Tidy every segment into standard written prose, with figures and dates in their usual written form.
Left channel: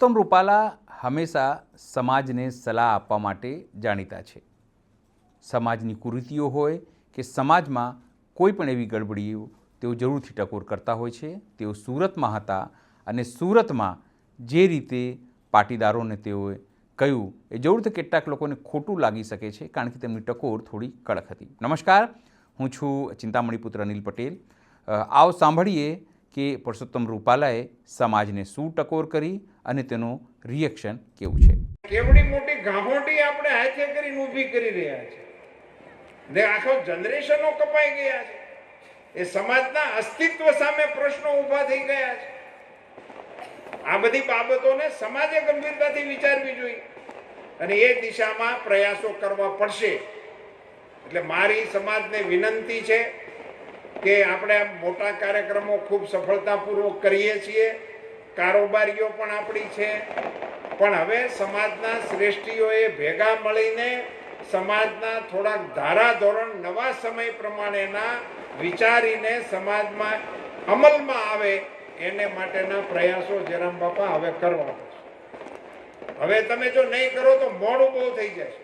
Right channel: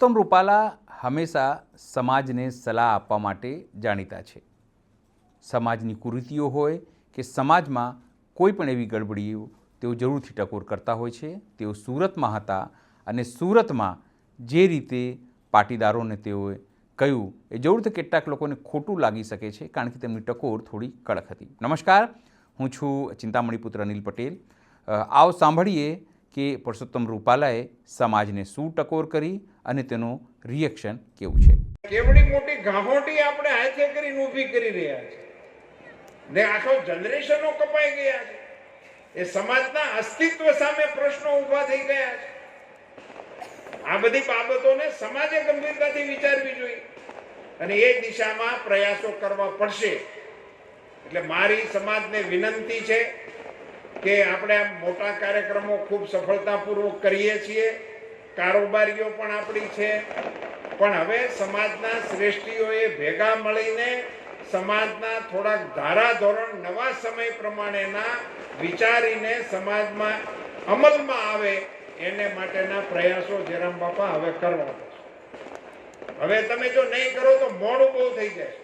પરસોત્તમ રૂપાલા હંમેશા સમાજને સલાહ આપવા માટે જાણીતા છે। સમાજની કુરીતિઓ હોય કે સમાજમાં કોઈ પણ એવી ગડબડીઓ તેઓ જરૂરથી ટકોર કરતા હોય છે। તેઓ સુરતમાં હતા અને સુરતમાં જે રીતે પાટીદારોને તેઓએ કહ્યું એ જરૂરથી કેટલાક લોકોને ખોટું લાગી શકે છે, કારણ કે તેમની ટકોર થોડી કડક હતી। નમસ્કાર, હું છું ચિંતામણીપુત્ર અનિલ પટેલ। આવો સાંભળીએ કે પરસોત્તમ રૂપાલાએ સમાજને શું ટકોર કરી અને તેનું રિએક્શન કેવું છે। કેવડી મોટી ગાંહોટી આપણે હાથે કરીને ઊભી કરી રહ્યા છે ને આખો જનરેશનો કપાઈ ગયા છે। એ સમાજના અસ્તિત્વ સામે પ્રશ્નો ઊભા થઈ ગયા છે। આ બધી બાબતોને સમાજે ગંભીરતાથી વિચારવી જોઈએ અને એ દિશામાં પ્રયાસો કરવા પડશે। એટલે મારી સમાજને વિનંતી છે કે આપણે મોટા કાર્યક્રમો ખૂબ સફળતાપૂર્વક કરીએ છીએ, કારોબારીઓ પણ આપણી છે, પણ હવે સમાજના શ્રેષ્ઠીઓએ ભેગા મળીને સમાજના થોડાક ધારાધોરણ નવા સમય પ્રમાણેના વિચારીને સમાજમાં અમલમાં આવે એને માટેના પ્રયાસો જયરામ બાપા હવે કરવા પડશે। હવે તમે જો નહીં કરો તો મોડું બહુ થઈ જાય,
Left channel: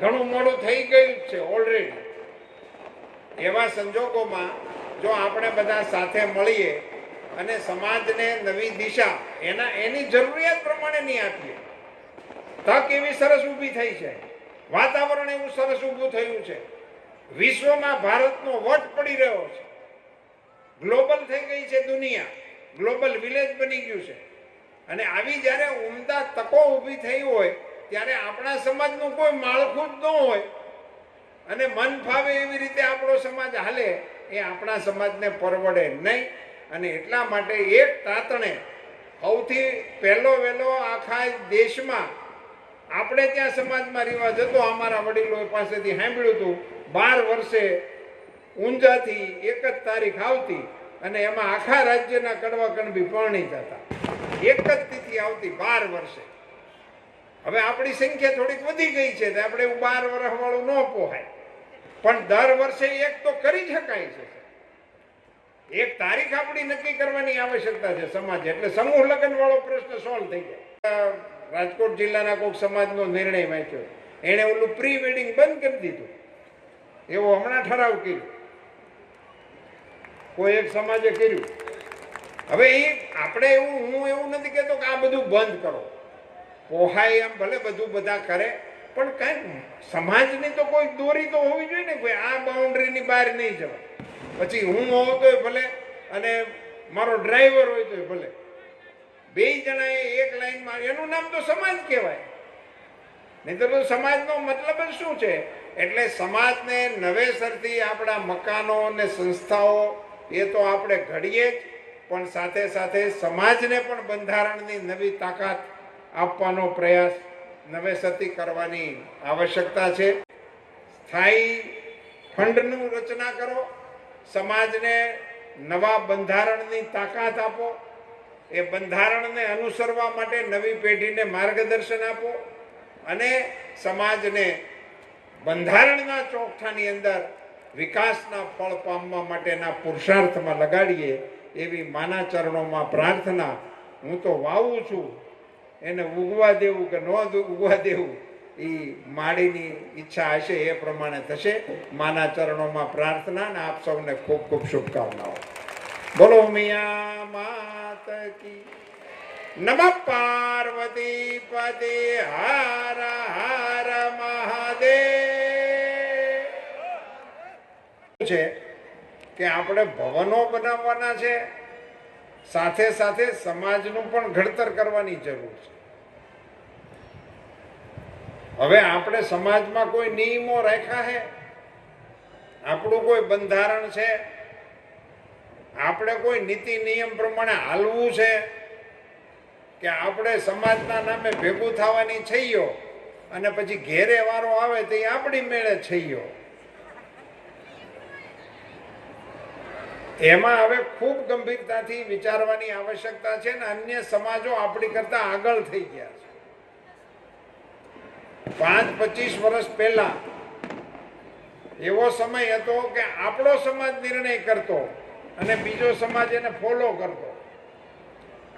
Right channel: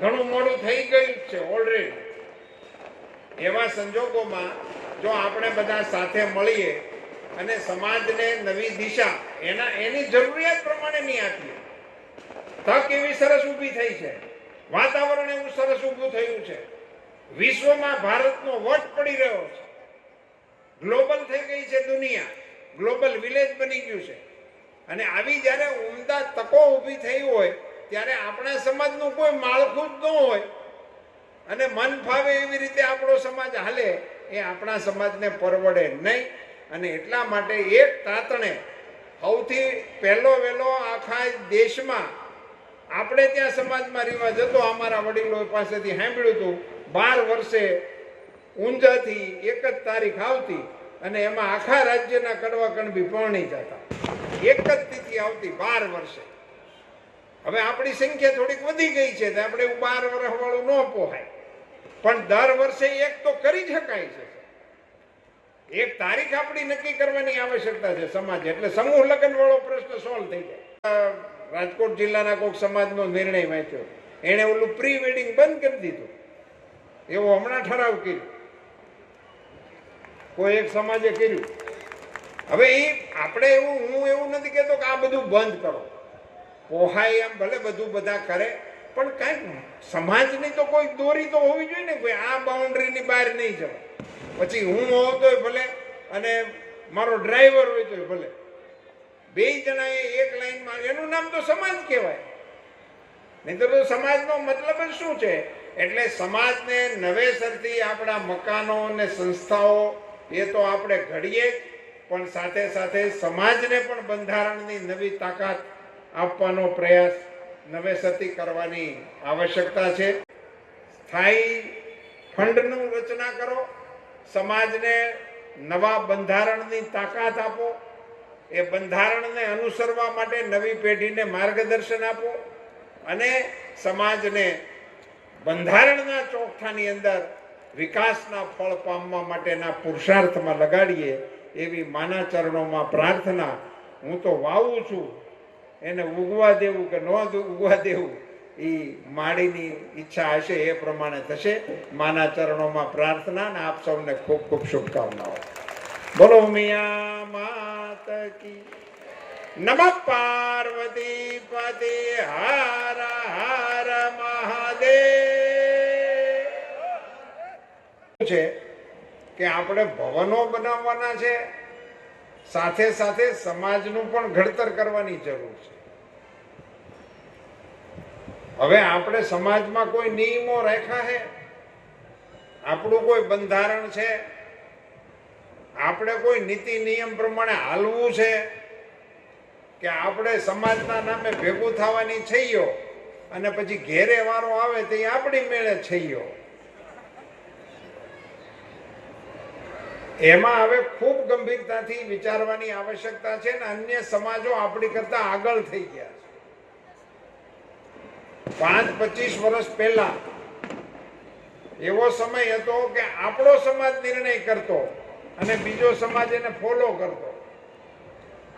ઘણું મોડું થઈ ગયું છે ઓલરેડી। એવા સંજોગોમાં જો આપણે બધા સાથે મળીએ અને સમાજને નવી દિશા એની જરૂરિયાત પ્રમાણે નહીં આપીએ, તક એવી સરસ ઊભી થઈ છે, વાતાવરણ એવું સરસ ઊભું થયું છે, વિશ્વમાં ભારતનો વટ પડી રહ્યો છે, ગ્લોબલ થઈ ગઈ છે દુનિયા, ગ્લોબલ વિલેજ બની ગયું છે। અને આવી જ્યારે ઉમદા તકો ઊભી થઈ હોય ત્યારે આપણા સમાજનું કોઈ માળખું જ ન હોય અને મન ફાવે એવી રીતે આપણો સમાજ હાલે એ આપણા સમાજને પરવડે નહીં। અને એટલા માટે એક તાતણે સૌથી પહેલો વહેલો આખા દેશમાં આપણે ત્યાં સમાજમાં રિવાજ હતો, અમારા વડીલો પાસેથી સાંભળ્યું હતું, 12 વર્ષે ઊંઝાથી એક જ તારીખ આવતી અને એમાં આખા રાજ્યના કડવા કણબી પરણી જતા, એક જ તિથિ આવતી 12 વર્ષે। હવે આપણી સંખ્યા થોડીક વધી ગઈ છે, આપણે 12 વર્ષ વાળું ન પોહાય, પણ દર વર્ષે એક તો કરી શકાય છે। એક તારીખ આપણી નક્કી કરવાની આવશ્યકતા છે સમાજ, એટલે સમૂહ લગ્ન વાળો પ્રશ્ન સોલ્વ થઈ જાય। રાજકોટ જિલ્લાના કોઈક સમાજનો નિર્ણય વાંચ્યો, એને ઓલું પ્રી વેડિંગ બંધ કરી દીધું, એવો હમણાં ઠરાવ કર્યો, કોઈ એક સમાજે કર્યું। હવે એ આપણે હું એવું નથી કહેતો કે આ બધું બંધ કરો, પોહાય એમ ભલે બધું બધા કરે, પણ કઈ સમાજની તો કોઈ દોરી તો હોવી જોઈએ ને, કોઈ આ બાઉન્ડ્રીની બહાર નહીં જવાય। પછી હું હોઉં તોય ભલે અને મારો ડ્રાઈવર હોય તોય ભલે, બે જણાએ એક લાઈનમાં, એનું નામ તો સમાજ કહેવાય, નહીં તો સમાજનો મતલબ જ શું છે? એટલે સમાજને નવેસરથી આપણા મકાનો અને સંસ્થાઓ એ તો આપણે ઘડીએ, પણ સાથે સાથે સમાજને પણ બંધારણની નવી તાકાત આપવાનો પ્રયાસ નવેસરથી કરવાની આવશ્યકતા છે। સ્થાયી ફંડનું રચના કરો, સમાજને નવા બંધારણની તાકાત આપો, એ બંધારણને અનુસરવા માટે નવી પેઢીને માર્ગદર્શન આપો અને સમાજને બંધારણના ચોકઠાની અંદર વિકાસના ફળ પામવા માટેના પુરુષાર્થમાં લગાડીએ એવી માના ચરણોમાં પ્રાર્થના। હું તો વાવું છું, એને ઉગવા દેવું કે ન ઉગવા દેવું એ માળીની ઈચ્છા હશે, એ પ્રમાણે થશે। માના ચરણોમાં પ્રાર્થના અને આપ સૌને ખૂબ ખૂબ શુભકામનાઓ। બોલો મિયા માત કી, નમઃ પાર્વતી પતે, હર હર મહાદેવ। છે કે આપણે ભવનો બનાવવાના છે, સાથે સાથે સમાજનું પણ ઘડતર કરવાની જરૂર છે। હવે આપણે સમાજમાં કોઈ નિયમો રાખ્યા છે, આપણું કોઈ બંધારણ છે, આપણે કોઈ નીતિ નિયમ પ્રમાણે હાલવું છે કે આપણે સમાજના નામે ભેગું થવાની છઈયો અને પછી ઘેરે વારો આવે તો આપણી મેળે છઈયો? એમાં હવે ખૂબ ગંભીરતાથી વિચારવાની આવશ્યકતા છે ને અન્ય સમાજો આપણી કરતા આગળ થઈ ગયા છે। 5-25 વર્ષ પહેલા એવો સમય હતો કે આપણો સમાજ નિર્ણય કરતો અને બીજો સમાજ એને ફોલો કરતો।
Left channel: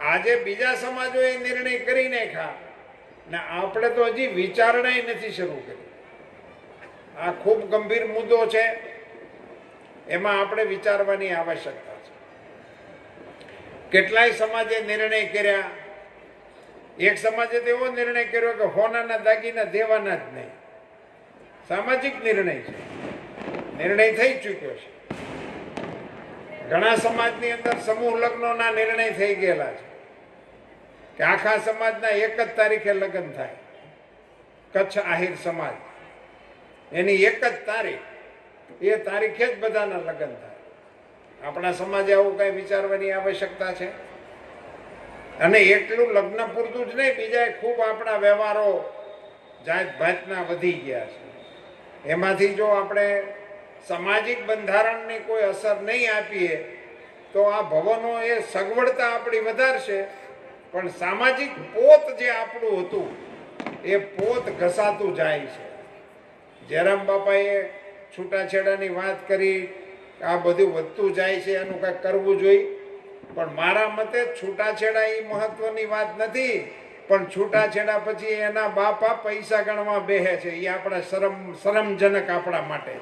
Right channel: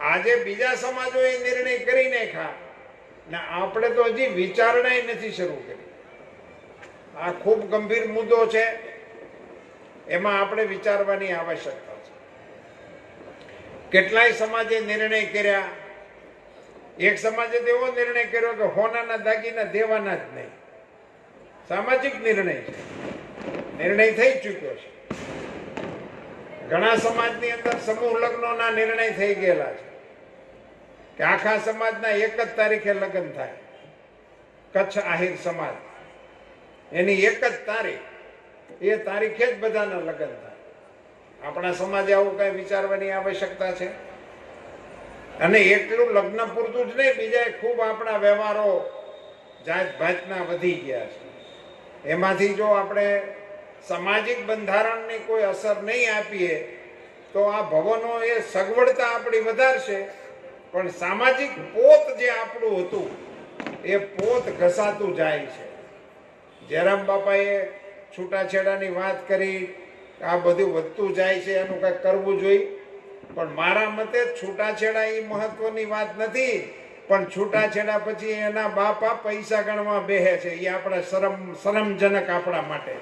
આજે બીજા સમાજોએ નિર્ણય કરી નાખ્યા ને આપણે તો હજી વિચારણાય નથી શરૂ કરી. આ ખૂબ ગંભીર મુદ્દો છે, એમાં આપણે વિચારવાની આવશ્યકતા છે. કેટલાય સમાજે નિર્ણય કર્યા. એક સમાજે તો એવો નિર્ણય કર્યો કે હોનાના દાગીના દેવાના જ નહીં. સામાજિક નિર્ણય છે, નિર્ણય થઈ ચૂક્યો છે. ઘણા સમાજની અંદર સમૂહ લગ્નોના નિર્ણય થઈ ગયેલા છે કે આખા સમાજના એક જ તારીખે લગ્ન થાય. કચ્છ આહિર સમાજ, એની એક જ તારીખ, એ તારીખે જ બધાના લગ્ન થાય. આપણા સમાજે આવું કઈ વિચારવાની આવશ્યકતા છે. અને એટલું લગ્ન પૂરતું જ નહીં, બીજા ખૂબ આપણા વ્યવહારો જાત ભાતના વધી ગયા છે. એમાંથી જો આપણે સામાજિક બંધારણની કોઈ અસર નહીં આપીએ તો આ ભવનો એ સગવડતા આપણી વધારશે, પણ સામાજિક પોત જે આપણું હતું એ પોત ઘસાતું જાય છે. જયરામ બાપાએ છૂટાછેડાની વાત કરી, આ બધું વધતું જાય છે, એનું કંઈક કરવું જોઈએ. પણ મારા મતે છૂટાછેડા એ મહત્વની વાત નથી, પણ છૂટાછેડા પછી એના બાપા પૈસા ગણવા બેહે છે, એ આપણા શરમજનક આપણા માટે.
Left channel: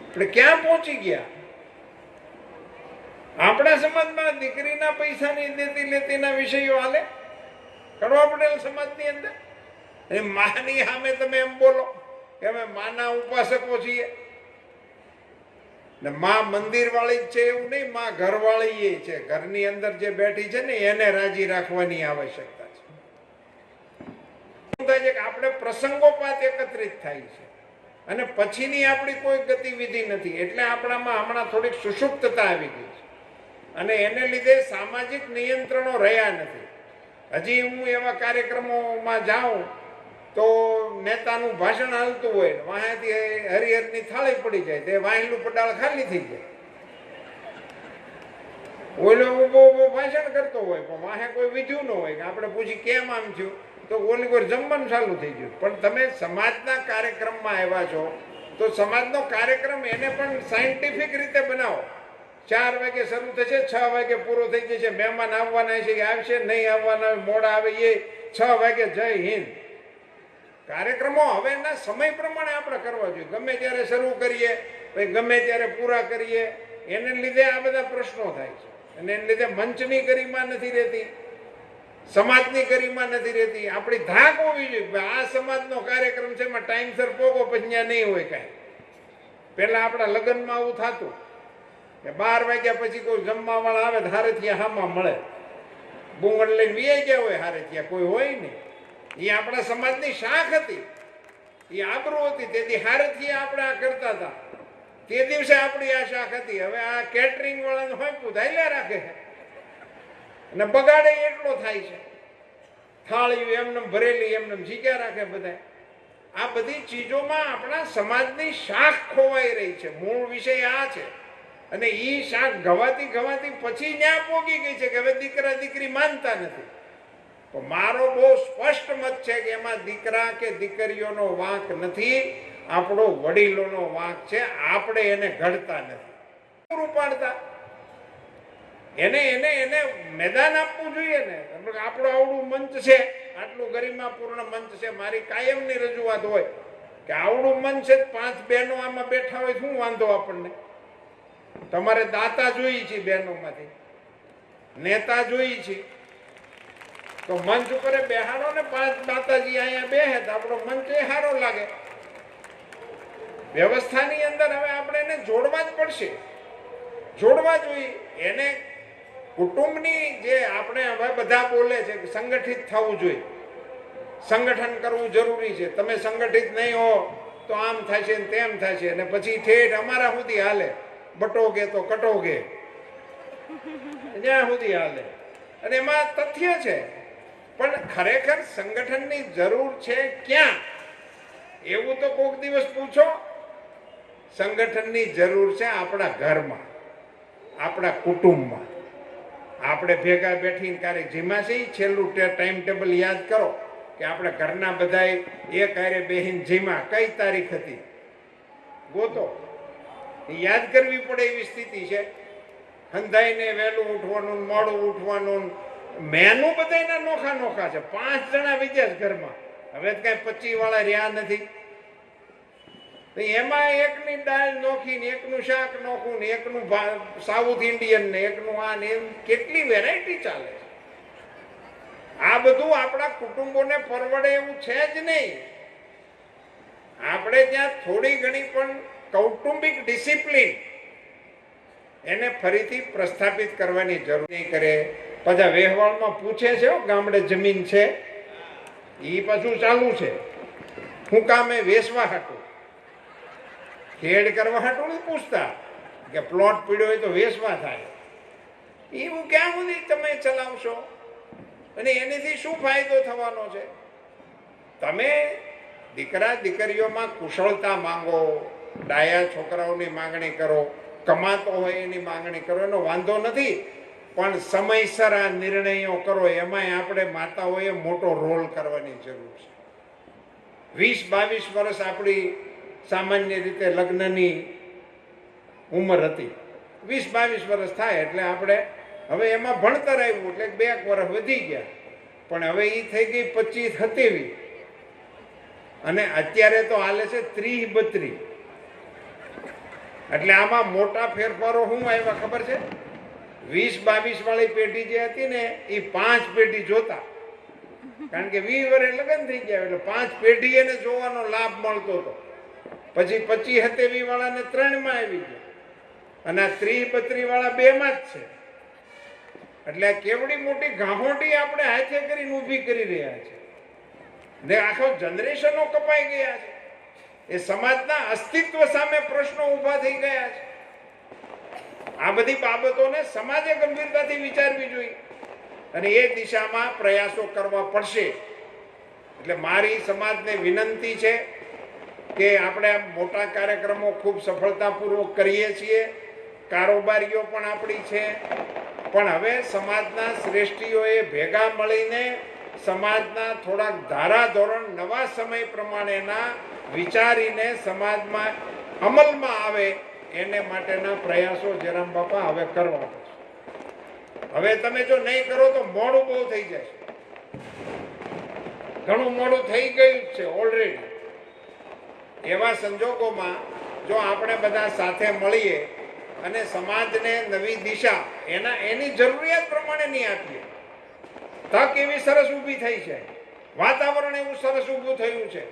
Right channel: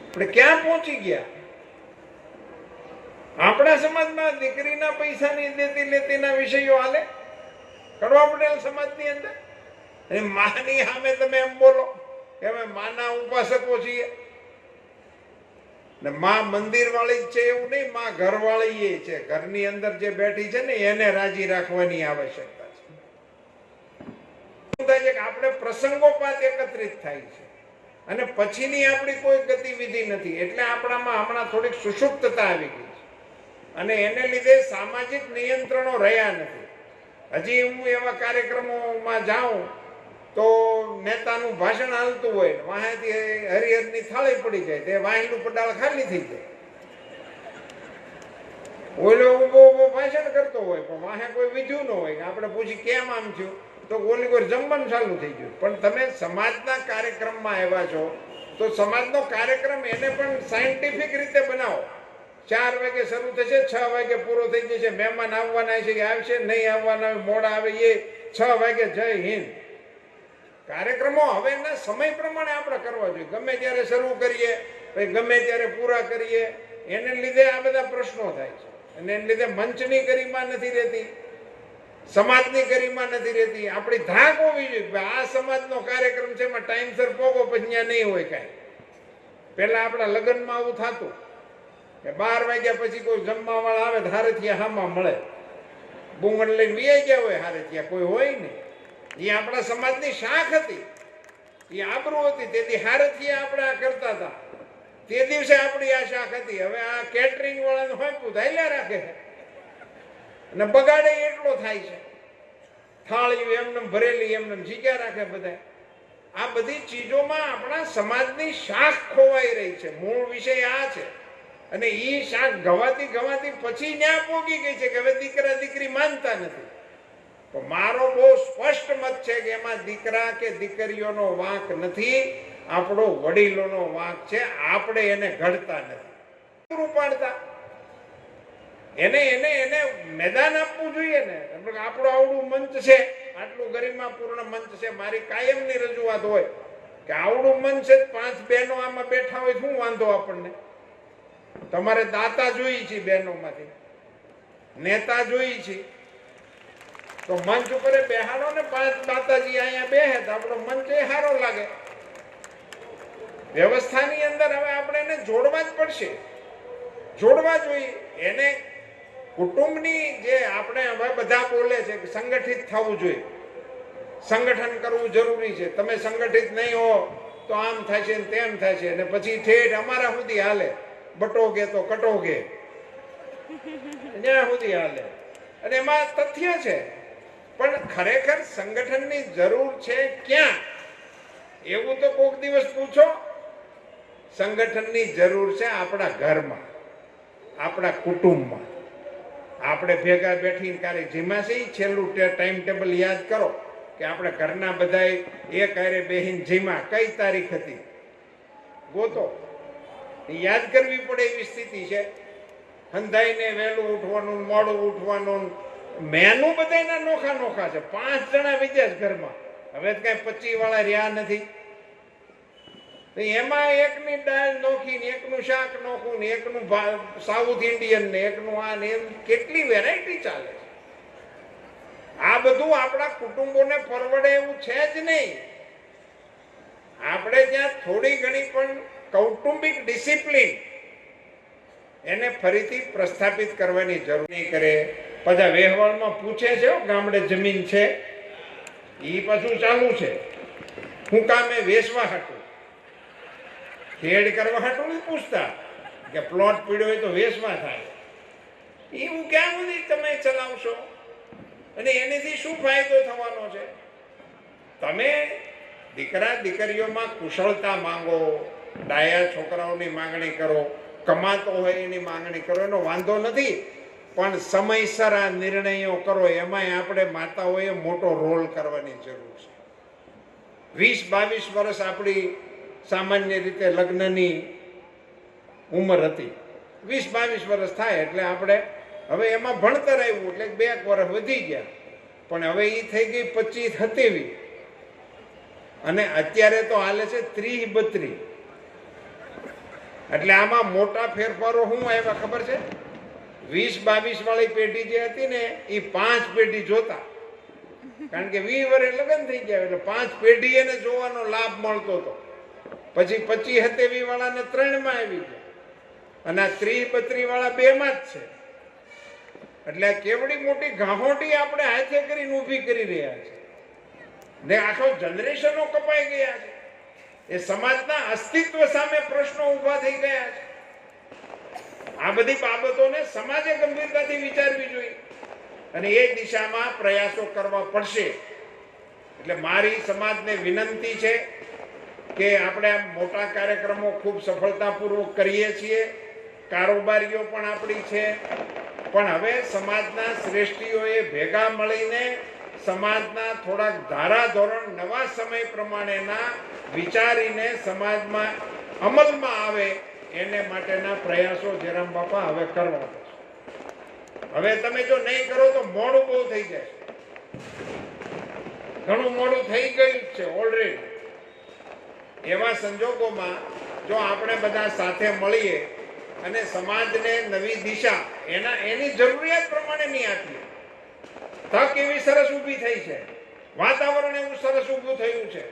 આપણે ક્યાં પહોંચી ગયા? આપણા સમાજમાં દીકરીના પૈસાની દેતી લેતીના વિષયો હાલે કરવા પટેલ સમાજની અંદર. માની સામે તમે એમ બોલો કે અમે માના ઉપાસકો છીએ ને માં મંદિર વાળી જ છે એવું નહીં, માં ઘર વાળી એ છે. ઘરની અંદર જે બેઠી છે ને એને રાજી રાખવાની આવશ્યકતા છે. આપણે પ્રસંગોપાત એકત્રિત થાય છે અને પછીની આપણી કોઈ ગતિવિધિ નથી. એટલે આપણામાં હમણાં થોડીક સુષુપ્તતા આવી ગઈ છે અને એને લીધે સામાજિક નિયંત્રણો રહ્યા નથી. હજી હું એવા કાર્યક્રમોમાં જાઉં તો નેતાનું ભાષણ હાલતું હોય, વાંહેથી હરિહરની થાળી પડી જાય, તે વાંહેનું પડાળ ખાલી થઈ જાય. ઓલો ઉભો ઉભો ભાષણ કરતો હોય પણ વાહે કોઈ વિધ્યું ન હોય. આપણે પૂછી કેમ આમ થયું તો ઓલી કોઈ જમવાનું ચાલુ થઈ ગયું. પણ તમે સમાજના કાર્યક્રમમાં આવ્યા છો તો સમાજનો કાર્યક્રમ એને પણ સાયન્ટિફિક રીતે બનાવો. 4 વાગે શરૂ થશે, 6 વાગે પૂરો થઈ જશે. મહેમાન આવવાના છે કે આવશે, નહીં આવવાના મોડા આવે એ 6 વાગે જય હિન્દ. કાર્યક્રમો હવેના સમય પ્રમાણે આપણે કરવા જોઈએ. ગમે ત્યારે શરૂ કરીએ, ગમે ત્યારે પૂરા કરીએ, એને લીધે આ બધા પ્રશ્નો થાય છે. અને એને લીધે મંચની ગરિમા નથી રહેતી, સમાજની ગરિમા નથી રહેતી. આપણી ધાક હોવી જોઈએ આ સમાજનો કાર્યક્રમ છે એમાં ટાઈમસર પોગો, પછી ત્યાં નહીં હોય કાંઈ. પહેલા આપણા લગ્નમાં આવું થતું કે 12 વાગ્યા પછી કોઈ જમવા વાળા આવે હારેથી હામાં મળે, બુંગણ લઈને બે ગયા હોય, હારેથી કોઈ હોય નહીં. એ આપણા સમાજની શાખ હતી, એ આબરૂ હતી. તેથી હારેથી આપણે આ કરતા હતા. તે દિવસે આપણી આ શાખ હતી. હવે આ કેટરિંગ વાળાને હોય પૂધાયેલા રાખે અને બગાડે એટલો થાય છે. થાળી એમને ભરેલી એમને જીગ્યા રાખે બધા. આ બધી ચીજોમાં આપણા સમાજની શાખ ખોવાઈ રહી છે. મૂળ વિષય આ છે. અને એ શાખ ગવાતી પછી ન્યા પોગી ગઈ છે કે હવે દીકરા દીકરી માનતા નથી. તો મારો બહુ સ્પષ્ટ મત છે કે એમાં દીકરા કે દીકરીઓનો વાંક નથી, આપણો વડીલોનો વાંક છે. આપણે એને ઘડતા નથી, પૂરું પાડતા. એને એને એને મેદાન આપવું જોઈએ ને. આપણું આવડું મંચ છે, આટલું ગરિમાપૂર્ણ મંચ છે. મારી કાયમની રજૂઆત હોય કે આવડું મંચ છે, 5 બહેનો આમાં બેઠા હોય, શું વાંધો આપણને? તમારે દાતા જોઈ છે, બહેનોમાંથી નેતા જોઈ છે, તો મંચ ઉપર બેહાડો ને 5 માતાજી અહીંયા બેહે તો આપણો મંચ એ સારો લાગે. વ્યવસ્થાની અંદર હવે આપણે એને જોડવા જ પડશે, જોડવા જોઈએ. એને કુટુંબની જે આપણે હવે બધા બોલે છે કે સંગઠિત થવું જોઈએ, સંગઠન કરવું જરૂરી છે. તમે સંગઠિત નહીં હો તો આમ થાય છે તેમ થાય છે, અને પછી ઠેઠ અમારા સુધી હાલે, બટોગે તો કટોગે, ત્યાં સુધી હાલે. અને એમાં તથ્ય છે. પણ ખરેખર સંગઠનની જરૂર છે ક્યાં? એવું તો કોઈક દિવસ પૂછો. સંગઠનની જરૂર છે આપણા ઘરમાં, આપણા કુટુંબમાં. આપણે ભેગા બેઠીને કાર્ય જેમાં છે છેલ્લું ટાઈમ ટેબલ યાદ કરો કે આપણે ઘરના બધા એક હારે બેહીને જેમાં કઈ તારીખ હતી ગોતો, યાદ કરવી પડે એવી સ્થિતિ છે. હંધાઈને વહેલું ઉઠવાનું, મોડું ઉઠવાનું, મેનુ બધાયના નોખા નોખા છે. 5 જણા વિદેશ ઘરમાં, હવે કઈ 25 વાળા રહ્યા નથી. એમાં એકની દાળ નોખી ને એકનું શાક નોખું ને એકનું સાઉથ ઇન્ડિયન ને એકનું આ ને એમ કેટલી વેરાયટી ચાલે. આ બધું આપણા કુટુંબોને પરવડે એવું છે જ નહીં. આપણે ત્યાં થોડી ઘણી પણ કૌટુંબિક ડિસિપ્લિન એને ફરીથી પ્રસ્થાપિત કરવાની જરૂર નહીં કરે. બધા વ્યવહારમાં પૂછે છે ગામડે જમીન છે, એ પાછું ચાલુ છે. હું કામે વેચવા હતું, ખેડ કરવા હાટું નહીં પૂછતા કે પ્લોટ પીડ્યો હોય તો વેચવા થાય. એવું ક્યાં સુધી તમે ચલાવશો અને એનાથી શું ફાયદો થવાનો છે? તમે દીકરા દીકરીઓમાં કુશળતા માંગો, ડાયા છોકરાઓની માંગણી કરો, કમાતો હોય એની માંગણી કરો, એનો વાંધો નથી. પણ સમયસર આ નિર્ણયો કરો. એમાંય આપણે માતાઓએ મોટો રોલ કરવાની જરૂર છે. 20-22 વર્ષ આપણી સામાન્ય રીતે લગ્નની ઉંમર હતી. 20-22 વર્ષ થાય એટલે આપણે હવે એમાં ભણતર આવ્યું એટલે 2 વર્ષ વધી ગયા. પણ હવે એ થઈ ગઈ 25-27 અને અત્યારે તો હાલે છે 30-32. એટલે આમાં મોટા ફેરફારો શું આવ્યા ખબર છે? 20-22 વાળી પેઢી જે હતી ને એ 5 પેઢી જોતા, કારણ કે 20 વર્ષ લગ્ન થઈ ગયા એટલે 5 પેઢી એને જોવાનો લાભ મળતો હતો. પછી 25-27 વાળાને 3માં આવી ગયા અને આ 30-32 વાળા 2માં જ છે. એટલે આ કેવડી મોટી ગાહોટી આપણે હાથે કરીને ઊભી કરી રહ્યા છે ને આખો જનરેશનો કપાઈ ગયા છે. એ સમાજના અસ્તિત્વ સામે પ્રશ્નો ઊભા થઈ ગયા છે. આ બધી બાબતોને સમાજે ગંભીરતાથી વિચારવી જોઈએ અને એ દિશામાં પ્રયાસો કરવા પડશે. એટલે મારી સમાજને વિનંતી છે કે આપણે આ મોટા કાર્યક્રમો ખૂબ સફળતાપૂર્વક કરીએ છીએ, કારોબારીઓ પણ આપણી છે, પણ હવે સમાજના શ્રેષ્ઠીઓએ ભેગા મળીને સમાજના થોડાક ધારાધોરણ નવા સમય પ્રમાણેના વિચારીને સમાજમાં અમલમાં આવે એને માટેના પ્રયાસો જયરામ બાપા હવે કરવા પડશે. હવે તમે જો નહીં કરો તો મોડું બહુ થઈ જાય. ઘણું મોડું થઈ ગયું છે ઓલરેડી. એવા સંજોગોમાં જો આપણે બધા સાથે મળીએ અને સમાજને નવી દિશા એની જરૂરિયાત પ્રમાણે નહીં આપીએ. તક એવી સરસ ઊભી થઈ છે, વાતાવરણ એવું સરસ ઊભું થયું છે,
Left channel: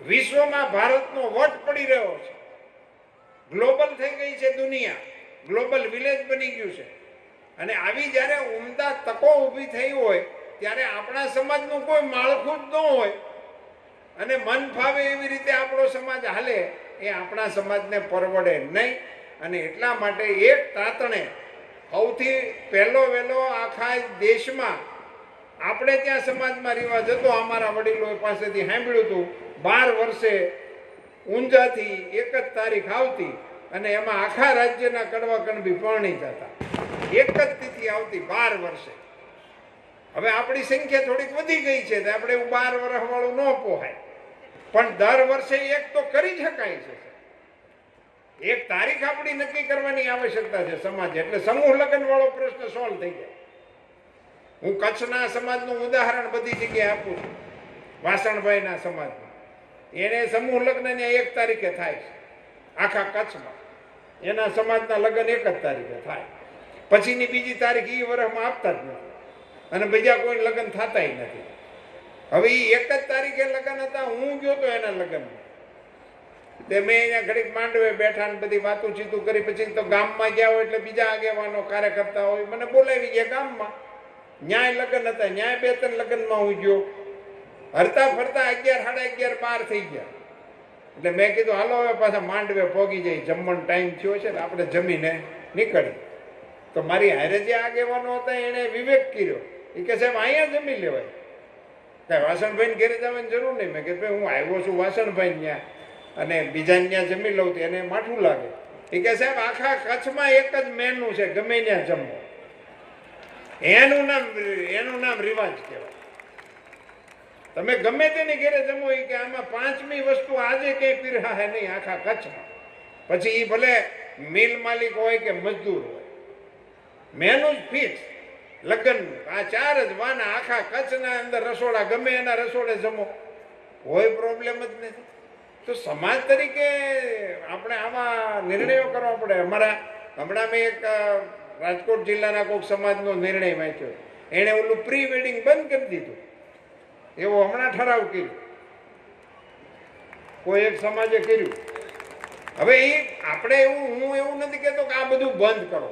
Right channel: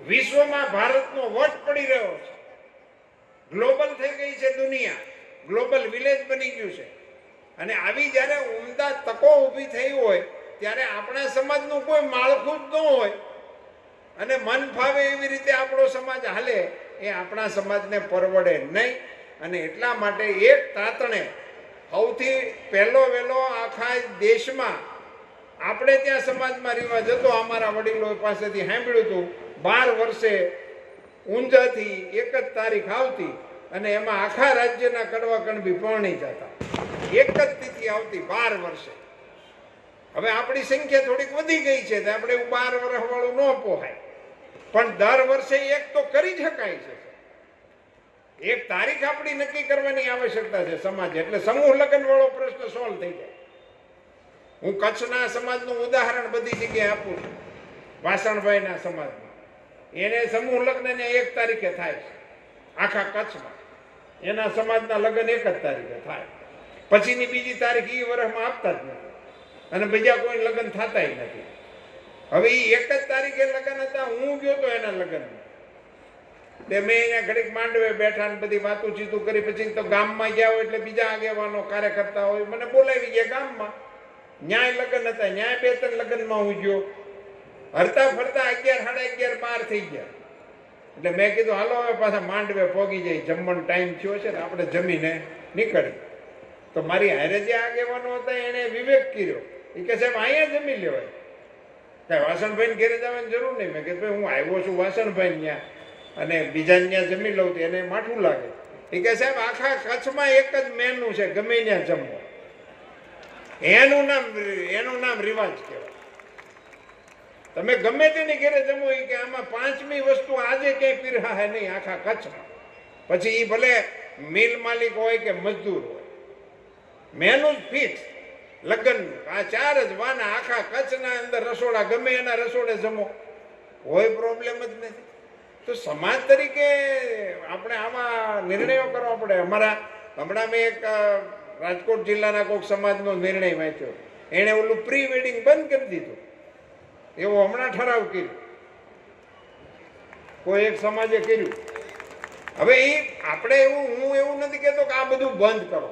વિશ્વમાં ભારતનો વટ પડી રહ્યો છે, ગ્લોબલ થઈ ગઈ છે દુનિયા, ગ્લોબલ વિલેજ બની ગયું છે. અને આવી જ્યારે ઉમદા તકો ઊભી થઈ હોય ત્યારે આપણા સમાજનું કોઈ માળખું જ ન હોય અને મન ફાવે એવી રીતે આપણો સમાજ હાલે એ આપણા સમાજને પરવડે નહીં. અને એટલા માટે એક તાતણે સૌથી પહેલો વહેલો આખા દેશમાં આપણે ત્યાં સમાજમાં રિવાજ હતો, અમારા વડીલો પાસેથી સાંભળ્યું હતું, 12 વર્ષે ઊંઝાથી 1 જ તારીખ આવતી અને એમાં આખા રાજ્યના કડવા કણબી પરણી જતા. 1 જ તિથિ આવતી 12 વર્ષે. હવે આપણી સંખ્યા થોડીક વધી ગઈ છે, આપણે 12 વર્ષ વાળું ન પોહાય, પણ દર વર્ષે એક તો કરી શકાય છે. એક તારીખ આપણી નક્કી કરવાની આવશ્યકતા છે સમાજ. એટલે સમૂહ લગ્ન વાળો પ્રશ્ન સોલ્વ થઈ જાય. હું કચ્છના સમાજનું ઉદાહરણ બધી જગ્યાએ આપું છું. વાસણભાઈના સમાજમાં એને સમૂહ લગ્ન 1 તારીખે થાય છે આખા કચ્છમાં. એના સમાજના લગ્ન 1 જ તારીખે થાય, પછીની બીજી તારીખ એ વર્ષમાં આપતા જ નથી અને બીજા કોઈ લગ્ન થતા નથી. હવે એ 1 જ તારીખે લગ્ન હતા, હું ગયો તો એના લગ્નમાં. તે મેં અહીંયા ઘડીક માંડવે બેઠા ને બધી વાતું ચીતું કરી. પછી તો ગામમાં ગયા હોય એટલે બીજા આગેવાનો કાર્યકર્તા હોય મને બોલાવી ગયા ગામમાં. ન્યાય લગ્ન હતા, ન્યાય 2-3 લગ્નમાં હું ગયો. હરતા ફરતા 11, 11:30, 12 થઈ ગયા. એટલે મેં કીધું હાલો હવે પાછા માંડવે પોગી જાય, જમવાનો ટાઈમ થયો છે ને આપણે જમીને નીકળી. તો મારી હારે જે આગેવાનો હતા એને વિવેક કર્યો. એ કે સાહેબ અહીંયા જમી લ્યો, કઈ વાસણભાઈ ઘેરે જવાની જરૂર નહીં. મેં કીધું હું આવ્યો છું વાસણભાઈ ત્યાં અને બીજા ત્યાં જમી લઉં તો એને માઠું લાગે. એ કે સાહેબ આખા કચ્છમાં 1 જ મેનુ છે, ગમે ત્યાં જમો. એનું નામ રિવાજ કહેવાય. તમે ગમે તેની ઘેરે જમો એ કે આમાં 5મી વસ્તુ આજે ક્યાંય પીરહા નહીં આખા કચ્છમાં. પછી એ ભલે મિલ માલિક હોય કે મજદૂર હોય, મેનું જ ફિક્સ લગ્ન આ 4 જ વાના આખા કચ્છના અંદર રસોડા ગમે એના રસોડે જમો, કોઈ પ્રોબ્લેમ જ નથી. તો સમાજ તરીકે આપણે આમાં નિર્ણયો કરવા પડે. અમારા હમણાં મેં એક રાજકોટ જિલ્લાના કોઈક સમાજનો નિર્ણય વાંચ્યો, એણે ઓલું પ્રી વેડિંગ બંધ કરી દીધું, એવો હમણાં ઠરાવ કર્યો, કોઈ એક સમાજે કર્યું. હવે એ આપણે હું એવું નથી કહેતો કે આ બધું બંધ કરો,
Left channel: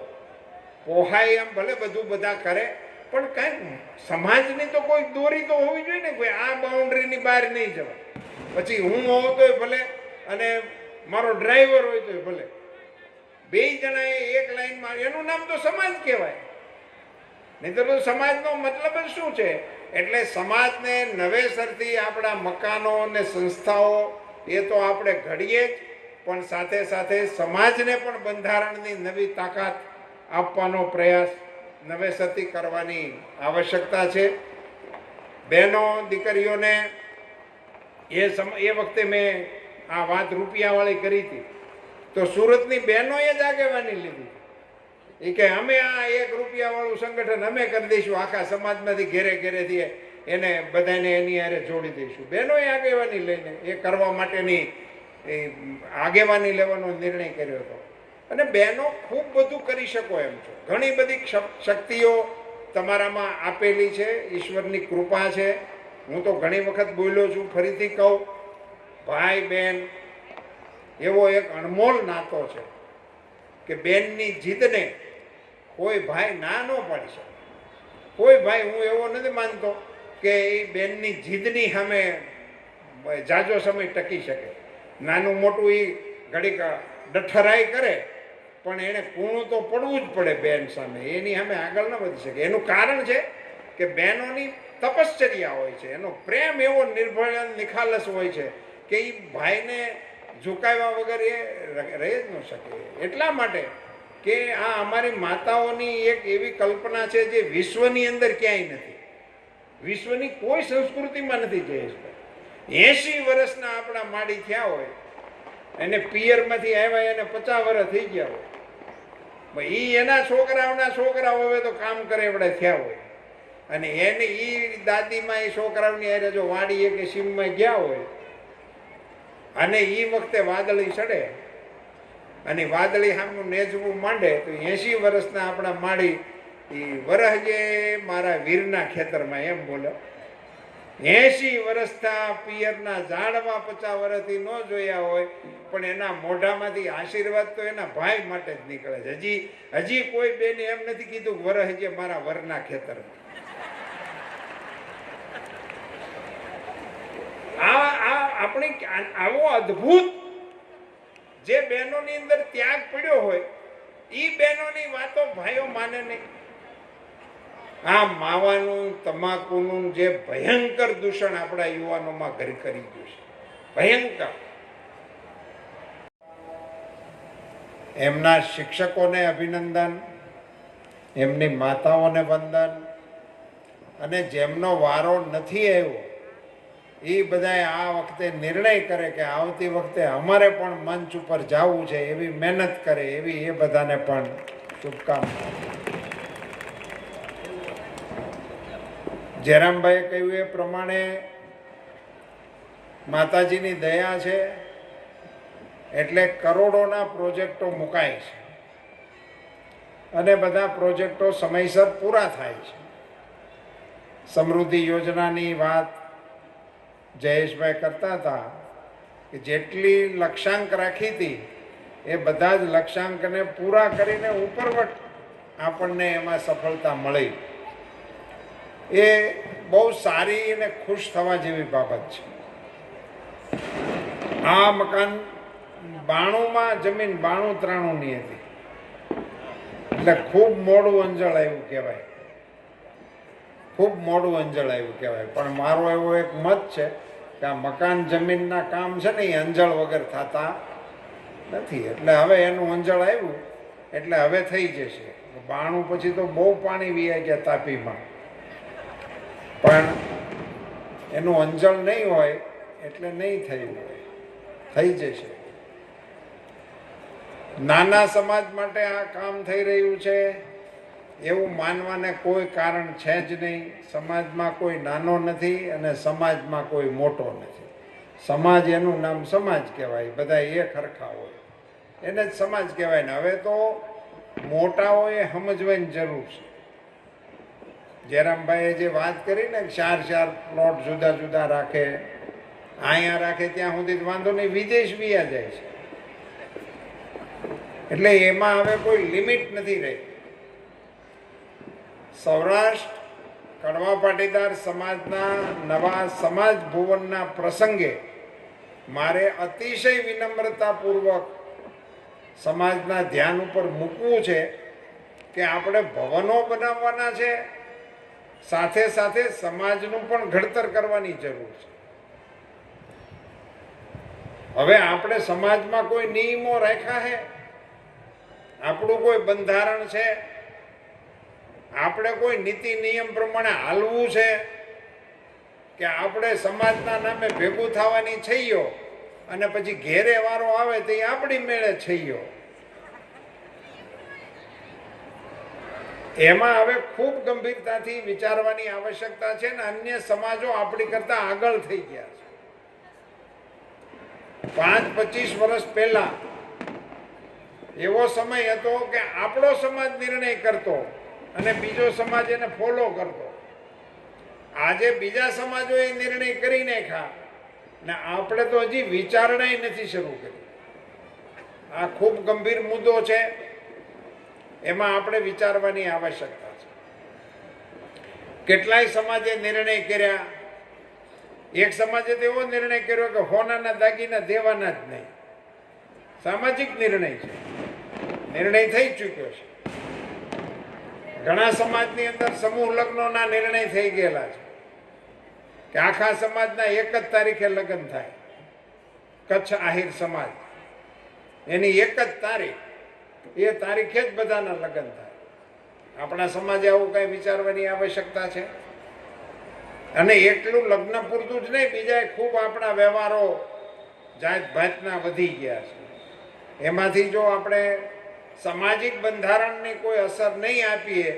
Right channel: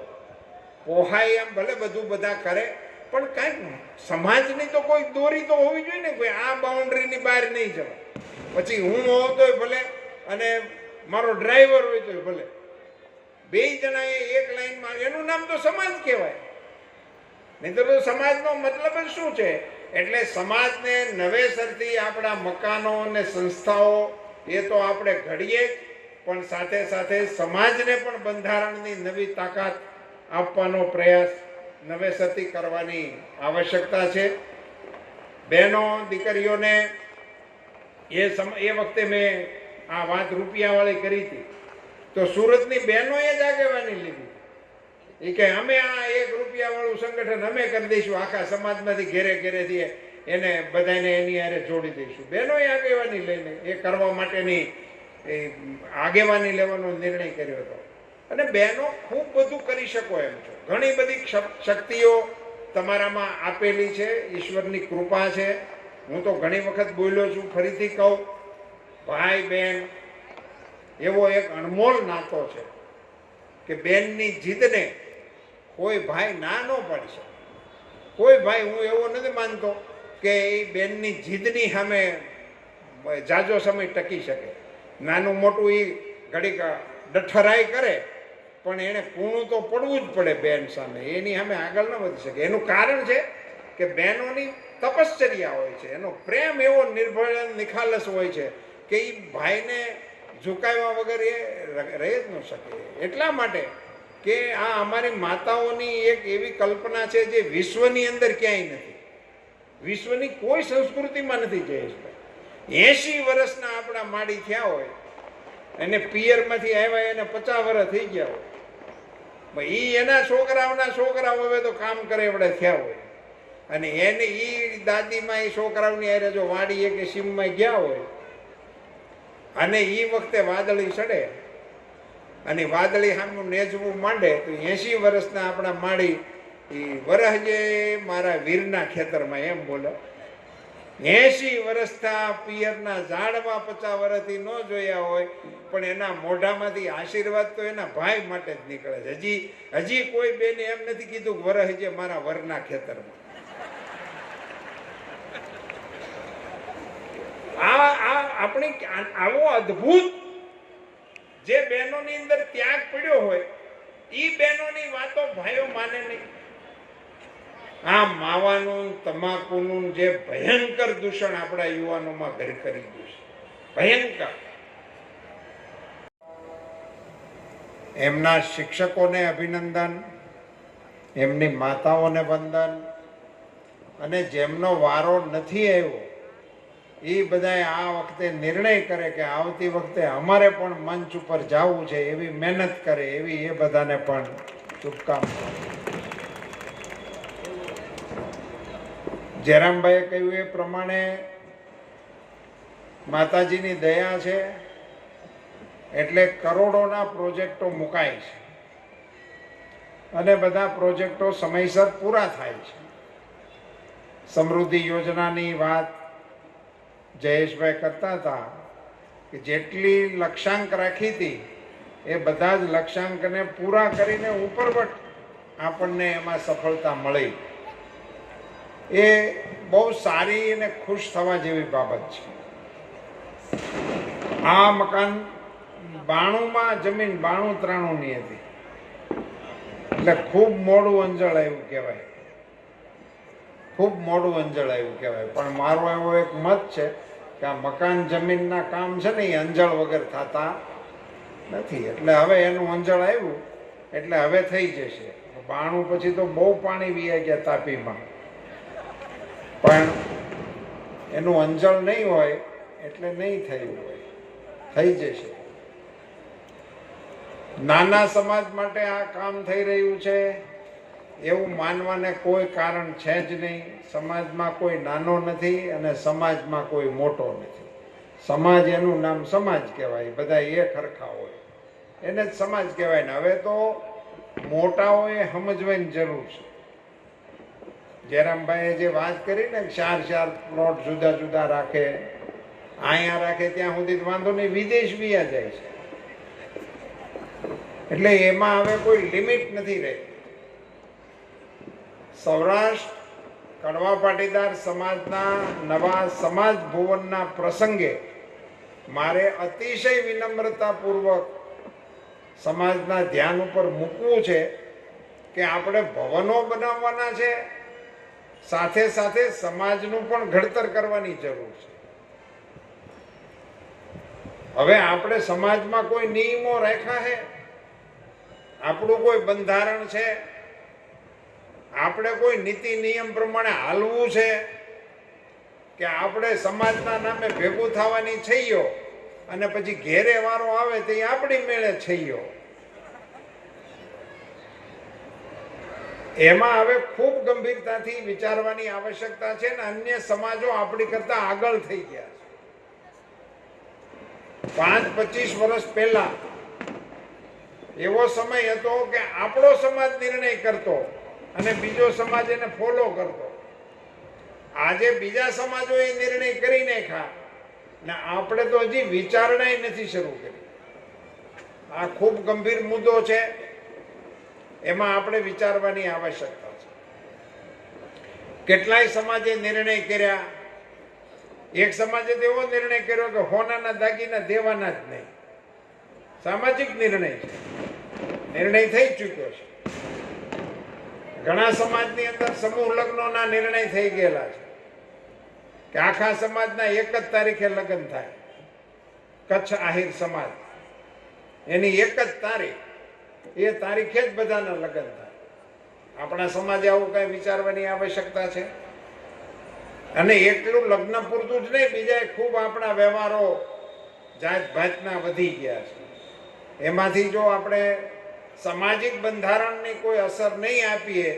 પોહાય એમ ભલે બધું બધા કરે, પણ કાંઈક સમાજની તો કોઈ દોરી તો હોવી જોઈએ ને, કોઈ આ બાઉન્ડ્રીની બહાર નહીં જવાય. પછી હું ન હોતોય ભલે અને મારો ડ્રાઈવર હોય તોય ભલે, બે જણાએ એક લાઈનમાં, એનું નામ તો સમાજ કહેવાય. નહીં તો સમાજનો મતલબ જ શું છે? એટલે સમાજને નવેસરથી આપણા મકાનો અને સંસ્થાઓ એ તો આપણે ઘડીએ, પણ સાથે સાથે સમાજને પણ બંધારણની નવી તાકાત આપવાનો પ્રયાસ નવેસરથી કરવાની આવશ્યકતા છે. બહેનો દીકરીઓને એ વખતે મેં આ વાત રૂપિયાવાળી કરી હતી, તો સુરતની બહેનોએ જ આગેવાની લીધી. એ કે અમે આ 1 રૂપિયાવાળું સંગઠન અમે કરી દઈશું, આખા સમાજમાંથી ઘેરે ઘેરેથી એને બધાને એની હારે જોડી દઈશું. બહેનોએ આગેવાની લઈને એ કરવા માટેની આગેવાની લેવાનો નિર્ણય કર્યો હતો. અને બહેનો ખૂબ બધું કરી શકો એમ છો, ઘણી બધી શક્તિઓ તમારામાં આપેલી છે, ઈશ્વરની કૃપા છે. હું તો ઘણી વખત બોલ્યો છું, ફરીથી કહું, ભાઈ બહેન એવો એક અનમોલ નાતો છે કે બેનની જીદને કોઈ ભાઈ ના ન પાડી શકે. કોઈ ભાઈ, હું એવો નથી માનતો કે એ બેનની જીદની સામે જાજો સમય ટકી શકે. નાનું મોટું એ ઘડીક ડઠરાઈ કરે, પણ એને કૂણું તો પડવું જ પડે બેન સામે, એની સામે આગળ ન વધી શકે. એનું કારણ છે કે બહેનોની તપશ્ચર્યા હોય છે, એનો પ્રેમ એવો નિર્ભય નિખાલસ હોય છે કે એ ભાઈને ઝુકાવ્યા વગર એ રહી જ ન શકે. એટલા માટે કે આ અમારી માતાઓની એક એવી કલ્પના છે જે વિશ્વની અંદર ક્યાંય નથી, વિશ્વની કોઈ સંસ્કૃતિમાં નથી. જયેશભાઈ 80 વર્ષના આપણા માડી થયા હોય, એને પિયરમાંથી આવ્યા એને 50 વર્ષ થઈ ગયા હોય, એ એના છોકરાઓના છોકરાઓ હવે તો કામ કરે એવડે થયા હોય, અને એને એ દાદીમાં એ છોકરાઓની હારે જો વાડીએ કે સીમમાં ગયા હોય, અને એ વખતે વાદળી ચડે અને વાદળી સામું નેજવું માંડે, તો 80 વર્ષના આપણા માડી એ વરહજે મારા વીરના ખેતરમાં એમ બોલો. 80 વર્ષના પિયરના ઝાડમાં 50 વર્ષથી ન જોયા હોય, પણ એના મોઢામાંથી આશીર્વાદ તો એના ભાઈ માટે જ નીકળે છે. હજી કોઈ બેને એમ નથી કીધું વરહજે મારા વરના ખેતરમાં. આપણે આવો અદ્ભુત જે બહેનોની અંદર ત્યાગ પડ્યો હોય, એ બહેનોની વાતો ભાઈઓ માને નહીં. આ માવાનું તમાકુનું જે ભયંકર દૂષણ આપણા યુવાનોમાં ઘર કરી ગયું છે, ભયંકર. એમના શિક્ષકોને અભિનંદન, એમની માતાઓને વંદન, અને જેમનો વારો નથી આવ્યો એ બધાએ આ વખતે નિર્ણય કરે કે આવતી વખતે અમારે પણ મંચ ઉપર જવું છે, એવી મહેનત કરે, એવી એ બધાને પણ શુભકામના. જયરામભાઈએ કહ્યું એ પ્રમાણે માતાજીની દયા છે એટલે કરોડોના પ્રોજેક્ટો મુકાય છે અને બધા પ્રોજેક્ટો સમયસર પૂરા થાય છે. સમૃદ્ધિ યોજનાની વાત જયેશભાઈ કરતા હતા કે જેટલી લક્ષ્યાંક રાખી હતી એ બધા જ લક્ષ્યાંકને પૂરા કરીને ઉપરવટ આપણને એમાં સફળતા મળી. એ બહુ સારી અને ખુશ થવા જેવી બાબત છે. આ મકાન 92માં જમીન 92-93ની હતી, એટલે ખૂબ મોડું અંજળ આવ્યું કહેવાય, ખૂબ મોડું અંજળ આવ્યું કહેવાય. પણ મારો એવો એક મત છે કે આ મકાન જમીનના કામ છે ને એ અંજળ વગર થતા નથી. એટલે હવે એનું અંજળ આવ્યું એટલે હવે થઈ જશે. 92 પછી તો બહુ પાણી વીયા ગયા તાપીમાં, પણ એનું અંજળ નહીં હોય એટલે નહીં થયું હોય, થઈ જશે. નાના સમાજ માટે આ કામ થઈ રહ્યું છે. એવું માનવાને કોઈ કારણ છે જ નહીં. સમાજમાં કોઈ નાનો નથી અને સમાજમાં કોઈ મોટો નથી. સમાજ એનું નામ સમાજ કહેવાય, બધા એક હરખા હોય એને જ સમાજ કહેવાય ને. હવે તો મોટાઓએ સમજવાની જરૂર છે. જયરામભાઈએ જે વાત કરી ને 4 પ્લોટ જુદા જુદા રાખે, અહીંયા રાખે ત્યાં સુધી વાંધો નહીં, વિદેશ બીયા જાય છે. એટલે એમાં હવે કોઈ લિમિટ નથી રહી. સૌરાષ્ટ્ર કડવા પાટીદાર સમાજના નવા સમાજ ભુવનના પ્રસંગે મારે અતિશય વિનમ્રતાપૂર્વક સમાજના ધ્યાન ઉપર મૂકવું છે કે આપણે ભવનો બનાવવાના છે, સાથે સાથે સમાજનું પણ ઘડતર કરવાની જરૂર છે. હવે આપણે સમાજમાં કોઈ નિયમો રાખ્યા છે, આપણું કોઈ બંધારણ છે, આપણે કોઈ નીતિ નિયમ પ્રમાણે હાલવું છે કે આપણે સમાજના નામે ભેગું થવાની છઈયો અને પછી ઘેરે વારો આવે તો આપણી મેળે છઈયો. એમાં હવે ખૂબ ગંભીરતાથી વિચારવાની આવશ્યકતા છે ને અન્ય સમાજો આપણી કરતા આગળ થઈ ગયા છે. 5-25 વર્ષ પહેલા એવો સમય હતો કે આપણો સમાજ નિર્ણય કરતો અને બીજો સમાજ એને ફોલો કરતો. આજે બીજા સમાજોએ નિર્ણય કરી નાખ્યા ને આપણે તો હજી વિચારણા નથી શરૂ કરી. આ ખૂબ ગંભીર મુદ્દો છે, એમાં આપણે વિચારવાની આવશ્યકતા છે. કેટલાય સમાજે નિર્ણય કર્યા. એક સમાજે તો એવો નિર્ણય કર્યો કે હોનાના દાગીના દેવાના જ નહીં. સામાજિક નિર્ણય છે, નિર્ણય થઈ ચૂક્યો છે. ઘણા સમાજની અંદર સમૂહ લગ્નોના નિર્ણય થઈ ગયેલા છે કે આખા સમાજના એક જ તારીખે લગ્ન થાય. કચ્છ આહિર સમાજ એની એક જ તારીખ, એ તારીખે જ બધાના લગ્ન થાય. આપણા સમાજે આવું કઈ વિચારવાની આવશ્યકતા છે. અને એટલું લગ્ન પૂરતું જ નહીં, બીજા ખૂબ આપણા વ્યવહારો જાત ભાતના વધી ગયા છે. એમાંથી જો આપણે સામાજિક બંધારણની કોઈ અસર નહીં આપીએ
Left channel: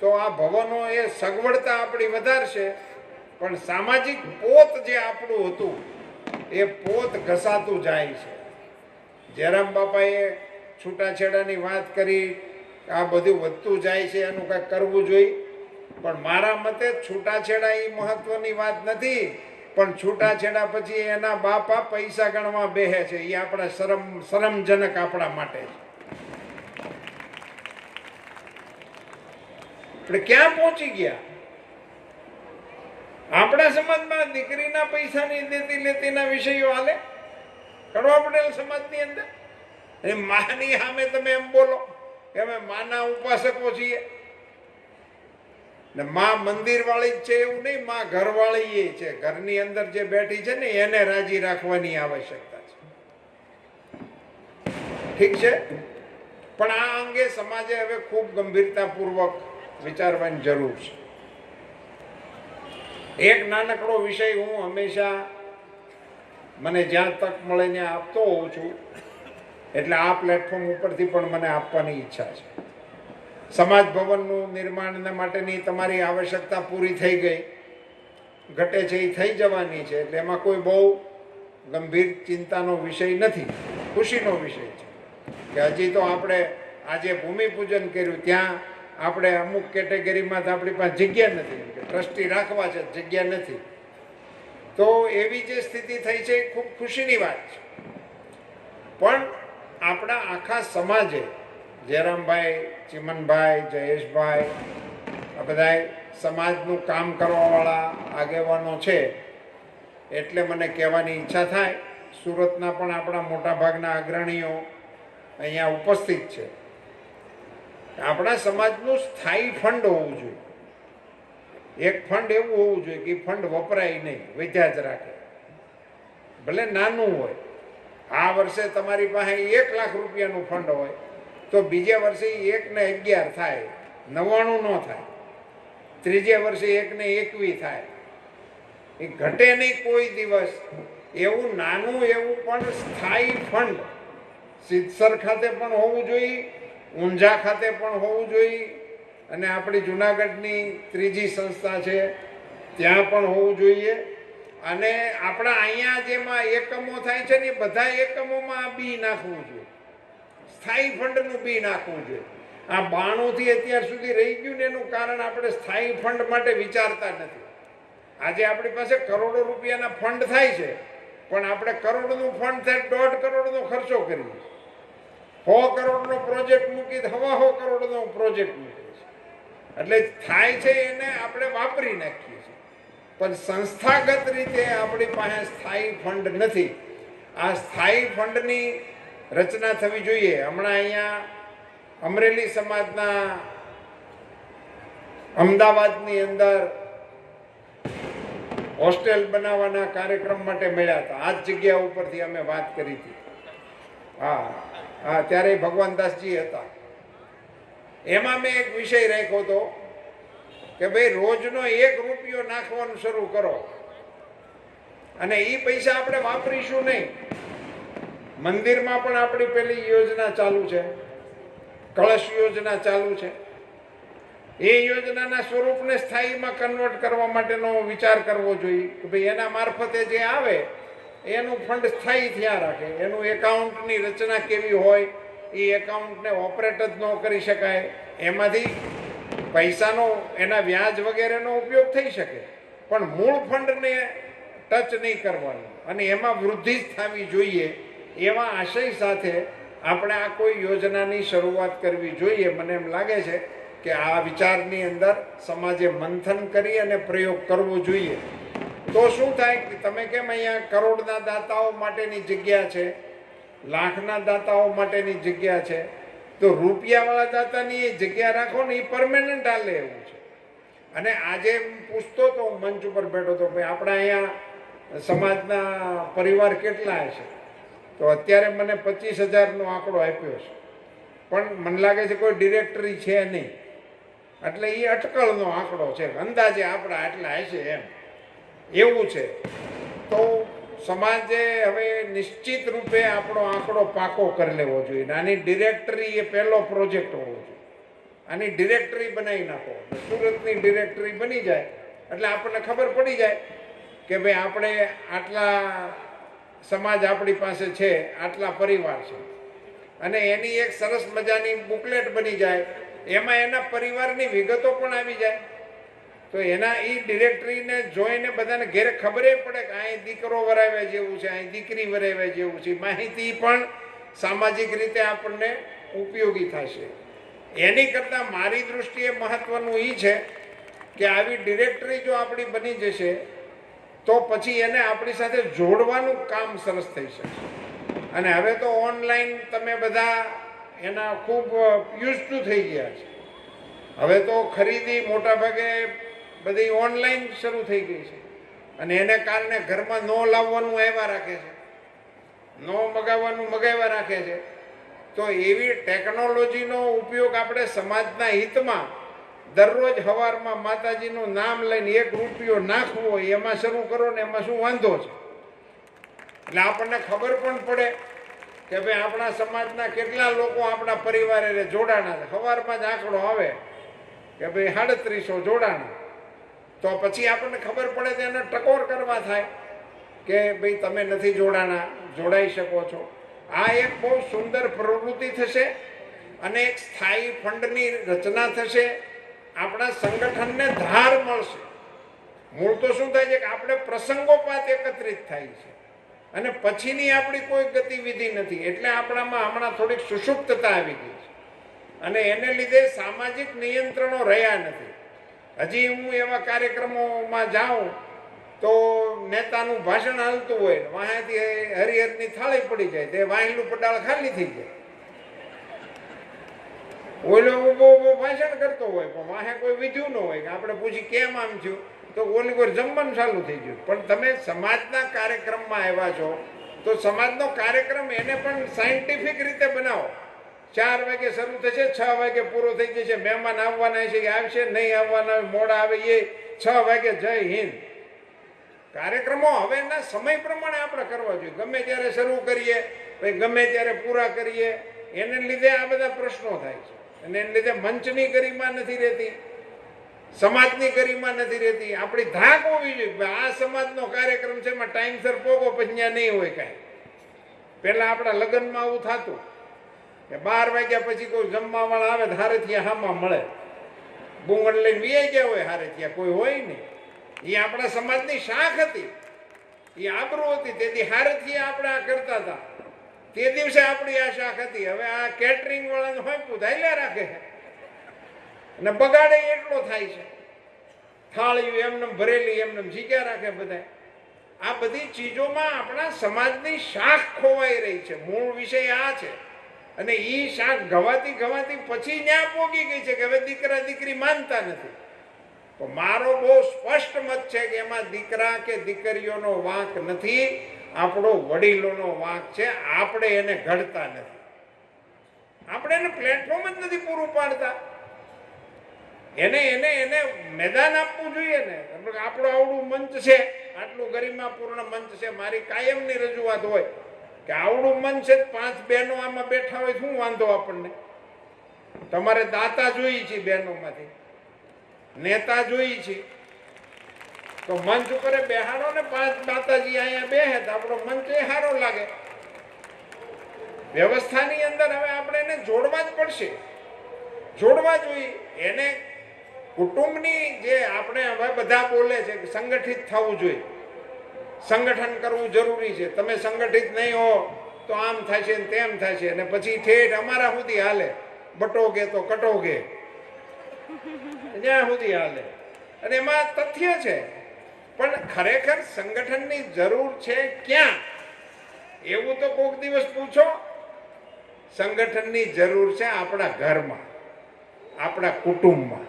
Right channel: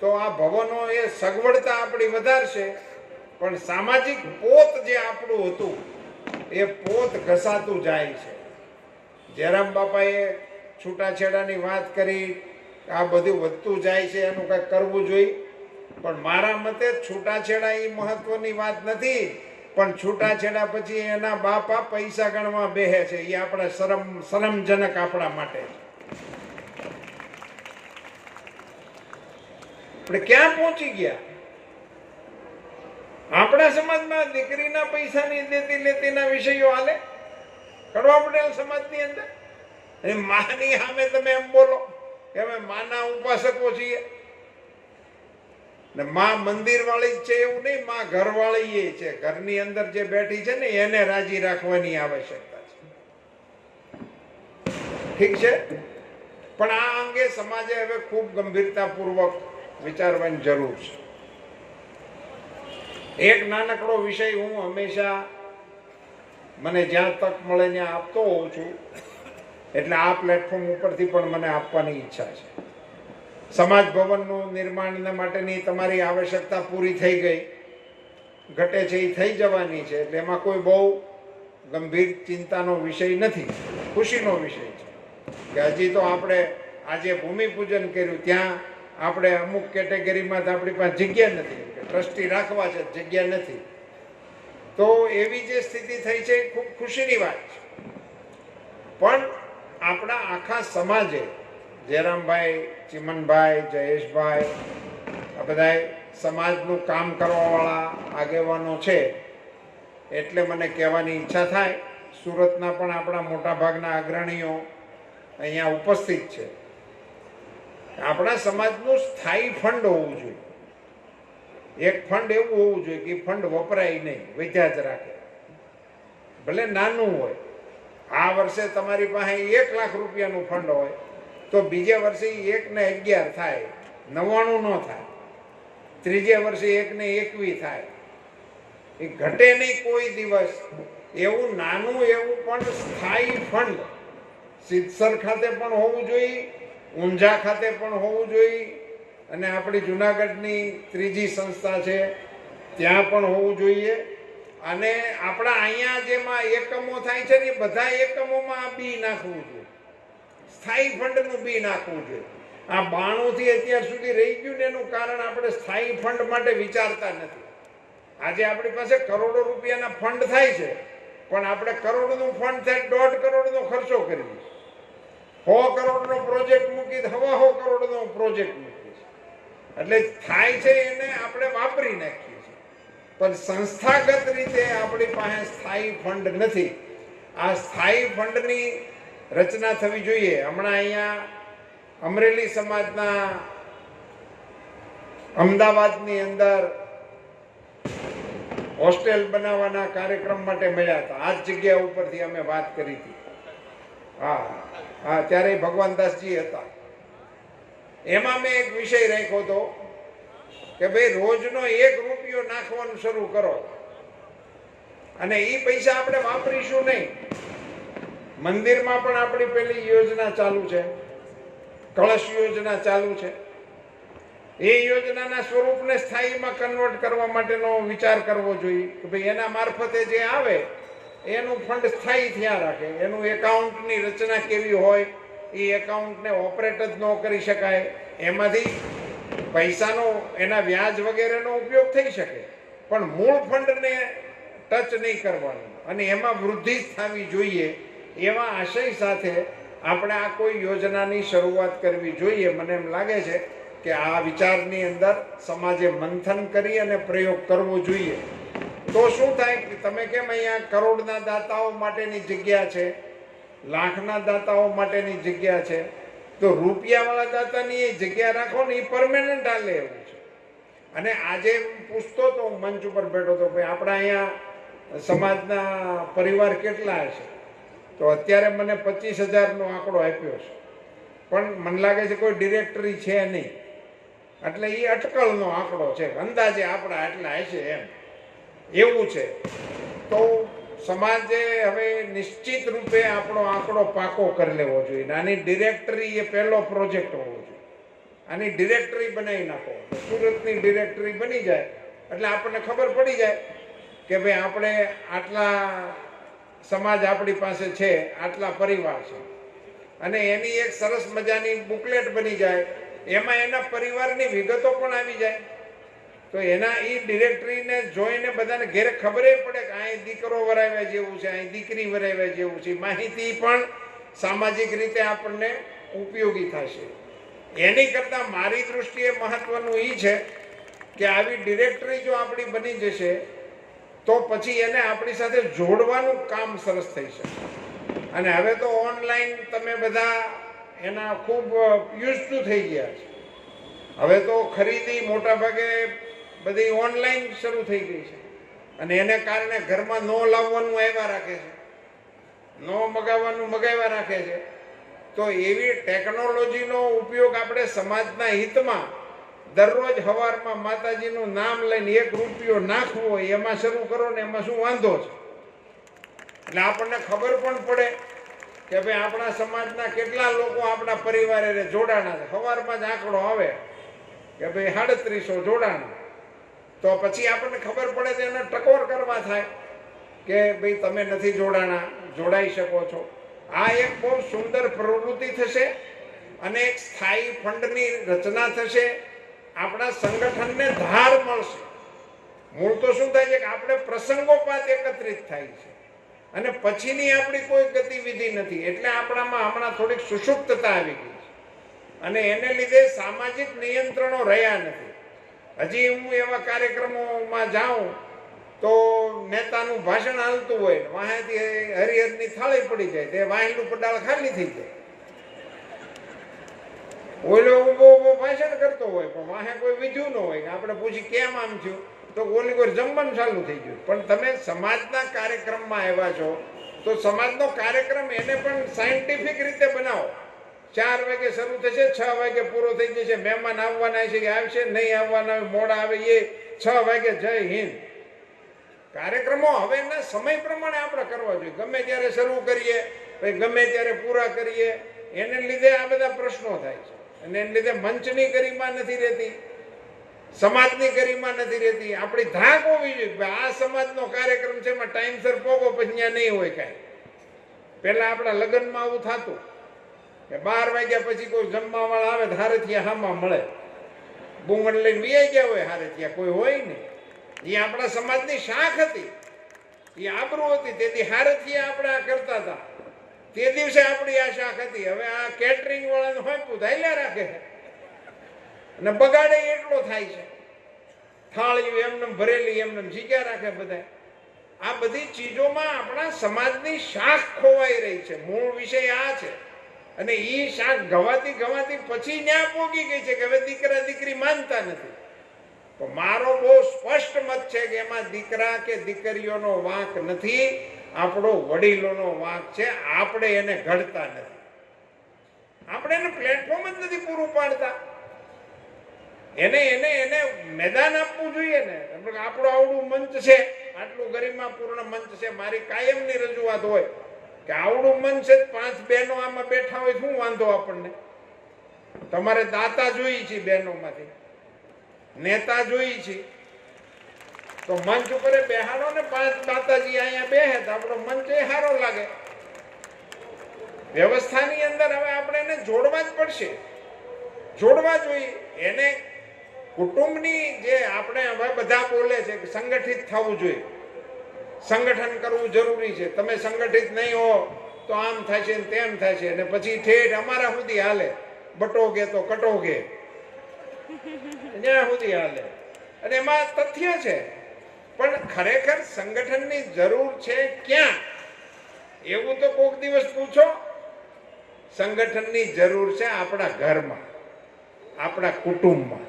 તો આ ભવનો એ સગવડતા આપણી વધારશે, પણ સામાજિક પોત જે આપણું હતું એ પોત ઘસાતું જાય છે. જયરામ બાપાએ છૂટાછેડાની વાત કરી, આ બધું વધતું જાય છે, એનું કંઈક કરવું જોઈએ. પણ મારા મતે છૂટાછેડા એ મહત્વની વાત નથી, પણ છૂટાછેડા પછી એના બાપા પૈસા ગણવા બેહે છે, એ આપણા શરમજનક આપણા માટે. આપણે ક્યાં પહોંચી ગયા? આપણા સમાજમાં દીકરીના પૈસાની દેતી લેતીના વિષયો હાલે કડવા પટેલ સમાજની અંદર. માની સામે તમે એમ બોલો કે અમે માના ઉપાસકો છીએ ને માં મંદિર વાળી જ છે એવું નહીં, માં ઘર વાળી એ છે. ઘરની અંદર જે બેઠી છે ને એને રાજી રાખવાની આવશ્યકતા છે. ઠીક છે, પણ આ અંગે સમાજે હવે ખૂબ ગંભીરતાપૂર્વક વિચારવાની જરૂર છે. એક નાનકડો વિષય હું હંમેશા મને જ્યાં તક મળે ત્યાં આપતો હોઉં છું, એટલે આ પ્લેટફોર્મ ઉપરથી પણ મને આપવાની ઈચ્છા છે. સમાજ ભવનનું નિર્માણ માટેની તમારી આવશ્યકતા પૂરી થઈ ગઈ, ઘટે છે એ થઈ જવાની છે, એટલે એમાં કોઈ બહુ ગંભીર ચિંતાનો વિષય નથી, ખુશીનો વિષય છે કે હજી તો આપણે આજે ભૂમિપૂજન કર્યું, ત્યાં આપણે અમુક કેટેગરીમાં તો આપણી પાસે જગ્યા નથી, ટ્રસ્ટી રાખવા છે, જગ્યા નથી. તો એવી જે સ્થિતિ થઈ છે એ ખૂબ ખુશીની વાત છે. પણ આપણા આખા સમાજે જયરામભાઈ, ચિમનભાઈ, જયેશભાઈ, આ બધા સમાજનું કામ કરવાવાળા આગેવાનો છે, એટલે મને કહેવાની ઈચ્છા થાય. સુરતના પણ આપણા મોટાભાગના અગ્રણીઓ અહીંયા ઉપસ્થિત છે. આપણા સમાજનું સ્થાયી ફંડ હોવું જોઈએ. એક ફંડ એવું હોવું જોઈએ કે ફંડ વપરાય નહીં, વધ્યા જ રાખે, ભલે નાનું હોય. આ વર્ષે તમારી પાસે 1 લાખ રૂપિયાનું ફંડ હોય તો બીજે વર્ષે 1 ને 11 થાય, 99 ન થાય. ત્રીજે વર્ષે 1 ને 21 થાય. એ ઘટે નહીં કોઈ દિવસ. એવું નાનું એવું પણ સ્થાયી ફંડ સિદ્ધસર ખાતે પણ હોવું જોઈએ, ઊંઝા ખાતે પણ હોવું જોઈએ, અને આપણી જુનાગઢની ત્રીજી સંસ્થા છે ત્યાં પણ હોવું જોઈએ. અને આપણા અહીંયા જેમાં એકમો થાય છે ને એ બધા એકમોમાં બી નાખવું જોઈએ, સ્થાયી ફંડનું બી નાખવું જોઈએ. આ 92 થી અત્યાર સુધી રહી ગયું ને એનું કારણ આપણે સ્થાયી ફંડ માટે વિચારતા નથી. આજે આપણી પાસે કરોડો રૂપિયાના ફંડ થાય છે, પણ આપણે કરોડનું ફંડ થાય 1.5 કરોડનો ખર્ચો કરીએ, 100 કરોડનો પ્રોજેક્ટ મૂકી 1.25 કરોડનો પ્રોજેક્ટ મૂકીએ છીએ. એટલે થાય છે એને આપણે વાપરી નાખીએ છીએ, પણ સંસ્થાગત રીતે આપણી પાસે સ્થાયી ફંડ નથી. આ સ્થાયી ફંડની રચના થવી જોઈએ. હમણાં અહીંયા અમરેલી સમાજના અમદાવાદની અંદર હોસ્ટેલ બનાવવાના કાર્યક્રમ માટે મળ્યા હતા. આ જ જગ્યા ઉપરથી અમે વાત કરી હતી. હા, ત્યારે ભગવાનદાસજી હતા. એમાં મેં એક વિષય રાખ્યો હતો કે ભાઈ રોજનો 1 રૂપિયો નાખવાનું શરૂ કરો અને એ પૈસા આપણે વાપરીશું નહીં. મંદિરમાં પણ આપણી પેલી યોજના ચાલુ છે, કળશ યોજના ચાલુ છે. એ યોજનાના સ્વરૂપને સ્થાયીમાં કન્વર્ટ કરવા માટેનો વિચાર કરવો જોઈએ કે ભાઈ એના મારફતે જે આવે એનું ફંડ સ્થાયી થયા રાખે. એનું એકાઉન્ટની રચના કેવી હોય, એ એકાઉન્ટને ઓપરેટ જ ન કરી શકાય, એમાંથી પૈસાનો એના વ્યાજ વગેરેનો ઉપયોગ થઈ શકે, પણ મૂળ ફંડને ટચ નહીં કરવાનું અને એમાં વૃદ્ધિ જ થવી જોઈએ. એવા આશય સાથે આપણે આ કોઈ યોજનાની શરૂઆત કરવી જોઈએ. મને એમ લાગે છે કે આ વિચારની અંદર સમાજે મંથન કરી અને પ્રયોગ કરવો જોઈએ. તો શું થાય કે તમે કેમ અહીંયા કરોડના દાતાઓ માટેની જગ્યા છે, લાખના દાતાઓ માટેની જગ્યા છે, તો રૂપિયાવાળા દાતાની એ જગ્યા રાખો ને એ પરમેનન્ટ હાલે એવું છે. અને આજે હું પૂછતો તો મંચ ઉપર બેઠો હતો ભાઈ આપણા અહીંયા સમાજના પરિવાર કેટલા છે, તો અત્યારે મને 25,000નો આંકડો આપ્યો છે, પણ મને લાગે છે કોઈ ડિરેક્ટરી છે નહીં, એટલે એ અટકળનો આંકડો છે. અંદાજે આપણા આટલા હશે એમ એવું છે. તો સમાજે હવે નિશ્ચિત રૂપે આપણો આંકડો પાકો કરી લેવો જોઈએ. આની ડિરેક્ટરી એ પહેલો પ્રોજેક્ટ હોવો જોઈએ. આની ડિરેક્ટરી બનાવી નાખો. સુરતની ડિરેક્ટરી બની જાય એટલે આપણને ખબર પડી જાય કે ભાઈ આપણે આટલા સમાજ આપણી પાસે છે, આટલા પરિવાર છે, અને એની એક સરસ મજાની બુકલેટ બની જાય, એમાં એના પરિવારની વિગતો પણ આવી જાય. તો એના એ ડિરેક્ટરીને જોઈને બધાને ઘેરે ખબર પડે કે અહીં દીકરો વરાવ્યા જેવું છે, અહીં દીકરી વરાવ્યા જેવું છે. માહિતી પણ સામાજિક રીતે આપણને ઉપયોગી થશે. એની કરતાં મારી દૃષ્ટિએ મહત્વનું એ છે કે આવી ડિરેક્ટરી જો આપણી બની જશે તો પછી એને આપણી સાથે જોડવાનું કામ સરસ થઈ શકે. અને હવે તો ઓનલાઈન તમે બધા એના ખૂબ યુઝ ટુ થઈ ગયા છે. હવે તો ખરીદી મોટા ભાગે બધી ઓનલાઈન શરૂ થઈ ગઈ છે, અને એને કારણે ઘરમાં ન લાવવાનું આવ્યા રાખે છે, ન મગાવવાનું મગાવ્યા રાખે છે. તો એવી ટેકનોલોજીનો ઉપયોગ આપણે સમાજના હિતમાં દરરોજ સવારમાં માતાજીનું નામ લઈને 1 રૂપિયો નાખવો હોય એમાં શરૂ કરો ને એમાં શું વાંધો છે? એટલે આપણને ખબર પણ પડે કે ભાઈ આપણા સમાજના કેટલા લોકો આપણા પરિવારે જોડાણા છે. સવારમાં જ આંકડો આવે કે ભાઈ 3700 જોડાણા, તો પછી આપણને ખબર પડે તો એનો ટકોર કરવા થાય કે ભાઈ તમે નથી જોડાણા, જોડાઈ શકો છો. આ એક બહુ સુંદર પ્રવૃત્તિ થશે અને એક સ્થાયી ફંડની રચના થશે. આપણા સંગઠનને ધાર મળશે. મૂળ તો શું થાય છે કે આપણે પ્રસંગોપાત એકત્રિત થાય છે અને પછીની આપણી કોઈ ગતિવિધિ નથી, એટલે આપણામાં હમણાં થોડીક સુષુપ્તતા આવી ગઈ છે અને એને લીધે સામાજિક નિયંત્રણો રહ્યા નથી. હજી હું એવા કાર્યક્રમોમાં જાઉં તો નેતાનું ભાષણ હાલતું હોય, વાંહેથી હરિહરની થાળી પડી જાય, તે વાહીનું પડાળ ખાલી થઈ જાય. ઓલો ઊભો ભાષણ કરતો હોય પણ વાહે કોઈ વિધ્યું ન હોય કે આપણે પૂછી કેમ આમ થયું, તો ઓલી કોઈ જમવાનું ચાલુ થઈ ગયું. પણ તમે સમાજના કાર્યક્રમમાં આવ્યા છો તો સમાજનો કાર્યક્રમ એને પણ સાયન્ટિફિક રીતે બનાવો. 4 વાગે શરૂ થશે, 6 વાગે પૂરો થઈ જશે. મહેમાન આવવાના છે કે આવશે, નહીં આવવાના મોડા આવે એ 6 વાગે જય હિન્દ. કાર્યક્રમો હવેના સમય પ્રમાણે આપણે કરવા જોઈએ. ગમે ત્યારે શરૂ કરીએ, ગમે ત્યારે પૂરા કરીએ, એને લીધે આ બધા પ્રશ્નો થાય છે. અને એને લીધે મંચની ગરિમા નથી રહેતી, સમાજની ગરિમા નથી રહેતી. આપણી ધાક હોવી જોઈએ આ સમાજનો કાર્યક્રમ છે એમાં ટાઈમસર પોગો, પછી ત્યાં નહીં હોય કાંઈ. પેલા આપણા લગ્નમાં આવું થતું કે 12 વાગ્યા પછી કોઈ જમવા વાળા આવે હારેથી હામાં મળે, બુંગણ લઈને બેસી ગયા હોય, હારેથી કોઈ હોય નહીં. એ આપણા સમાજની શાખ હતી, એ આબરૂ હતી. તેથી હારેથી આપણે આ કરતા હતા. તે દિવસે આપણી આ શાખ હતી. હવે આ કેટરિંગ વાળાને હોય પૂછાયેલા રાખે અને બગાડે એટલો થાય છે. થાળી એમને ભરેલી એમને જીગ્યા રાખે બધા. આ બધી ચીજોમાં આપણા સમાજની શાખ ખોવાઈ રહી છે. મૂળ વિષય આ છે. અને એ શાખ ગવાતી પછી ન્યા પોગી ગઈ છે કે હવે દીકરા દીકરી માનતા નથી. તો મારો બહુ સ્પષ્ટ મત છે કે એમાં દીકરા કે દીકરીઓનો વાંક નથી, આપણો વડીલોનો વાંક છે. આપણે એને ઘડતા નથી, આપણે એને પ્લેટફોર્મ જ નથી પૂરું પાડતા. એને એને એને મેદાન આપવું જોઈએ ને. આપણું આવડું મંચ છે, આટલું ગરિમાપૂર્ણ મંચ છે. મારી કાયમની રજૂઆત હોય કે આવડું મંચ છે, 5 બહેનો આમાં બેઠા હોય, શું વાંધો આપણને? તમારે દાતા જોઈ છે, બહેનોમાંથી નેતા જોઈ છે, તો મંચ ઉપર બેહાડો ને 5 માતાજી અહીંયા બેહે તો આપણો મંચ એ સારો લાગે. વ્યવસ્થાની અંદર હવે આપણે એને જોડવા જ પડશે, જોડવા જોઈએ. એને કુટુંબની જે આપણે હવે બધા બોલે છે કે સંગઠિત થવું જોઈએ, સંગઠન કરવું જરૂરી છે. તમે સંગઠિત નહીં હો તો આમ થશે ને તેમ થશે, અને પછી ઠેઠ અમારા સુધી હાલે, બટોગે તો કટોગે, ત્યાં સુધી હાલે. અને એમાં તથ્ય છે. પણ ખરેખર સંગઠનની જરૂર છે ક્યાં? એવું તો કોઈક દિવસ પૂછો. સંગઠનની જરૂર છે આપણા ઘરમાં, આપણા કુટુંબમાં.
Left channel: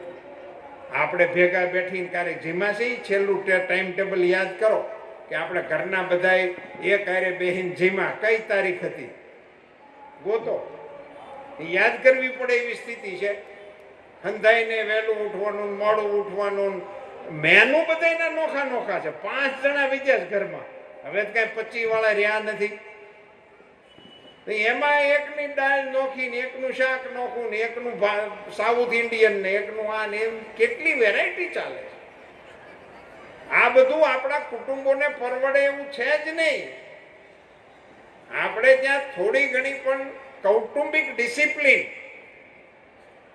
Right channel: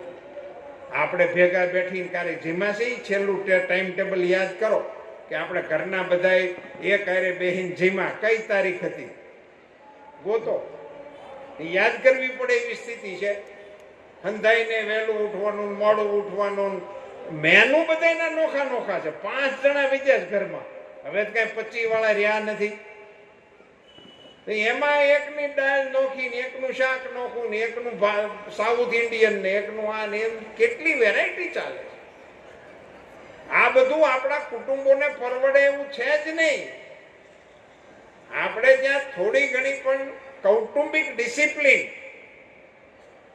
આપણે ભેગા બેઠીને ક્યારેક જીમાસી છેલ્લું ટાઈમ ટેબલ યાદ કરો કે આપણે ઘરના બધાએ એક હારે બેહીને જીમા કઈ તારીખ હતી ગોતો. યાદ કરવી પડે એવી સ્થિતિ છે. હંધાઈને વહેલું ઉઠવાનું, મોડું ઉઠવાનું, મેનુ બધાના નોખા નોખા છે. 5 જણા વિદેશ ઘરમાં, હવે કઈ 25 વાળા રહ્યા નથી. એમાં એકની દાળ નોખી ને એકનું શાક નોખું ને એકનું સાઉથ ઇન્ડિયન ને એકનું આ ને કેટલી વેરાયટી ચાલે. આ બધું આપણા કુટુંબોને પરવડે એવું છે જ નહીં. આપણે ત્યાં થોડી ઘણી પણ કૌટુંબિક ડિસિપ્લિન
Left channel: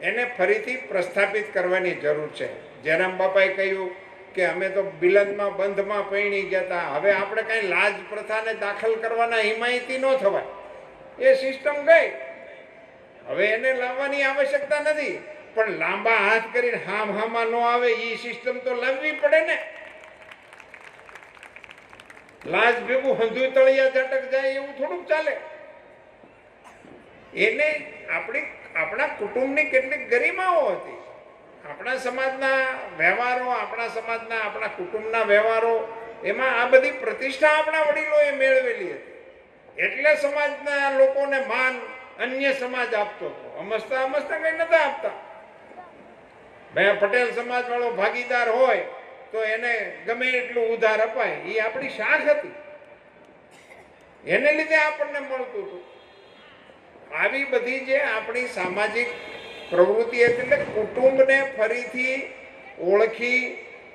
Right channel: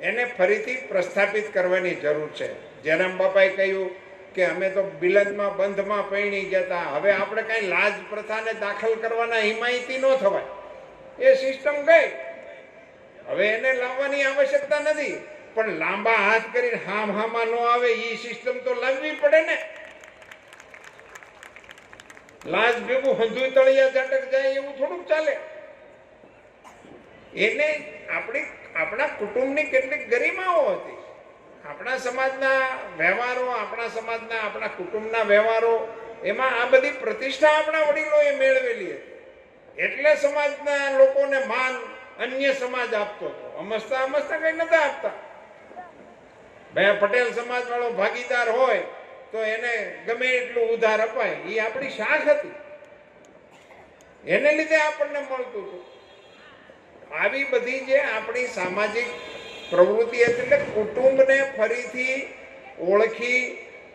એને ફરીથી પ્રસ્થાપિત કરવાની જરૂર છે. જયરામ બાપાએ કહ્યું કે અમે તો બિલંદમાં બંધમાં પૈણી ગયા હતા. હવે આપણે કઈ લાજ પ્રથાને દાખલ કરવાના હિમાયતી ન થવા. એ સિસ્ટમ ગઈ, હવે એને લાવવાની આવશ્યકતા નથી. પણ લાંબા હાથ કરીને હામાં ન આવે એ સિસ્ટમ તો લાવવી પડે ને. લાજ ભેગું હંધુય તળિયા ઝટક જાય એવું થોડુંક ચાલે. એને આપણા કુટુંબની કેટલીક ગરિમાઓ હતી, આપણા સમાજના વ્યવહારો, આપણા કુટુંબના વ્યવહારો, એમાં આ બધી પ્રતિષ્ઠા આપણા વડીલોએ મેળવેલી હતી. એટલે સમાજના લોકોને માન અન્ય સમાજ આપતો હતો. અમસ્તા કઈ નતા આપતા. પટેલ સમાજ વાળો ભાગીદાર હોય તો એને ગમે એટલું ઉધાર અપાય. એ આપણી શાખ હતી, એને લીધે આપણને મળતું હતું. આવી બધી જે આપણી સામાજિક પ્રવૃત્તિ હતી, એટલે કુટુંબને ફરીથી ઓળખી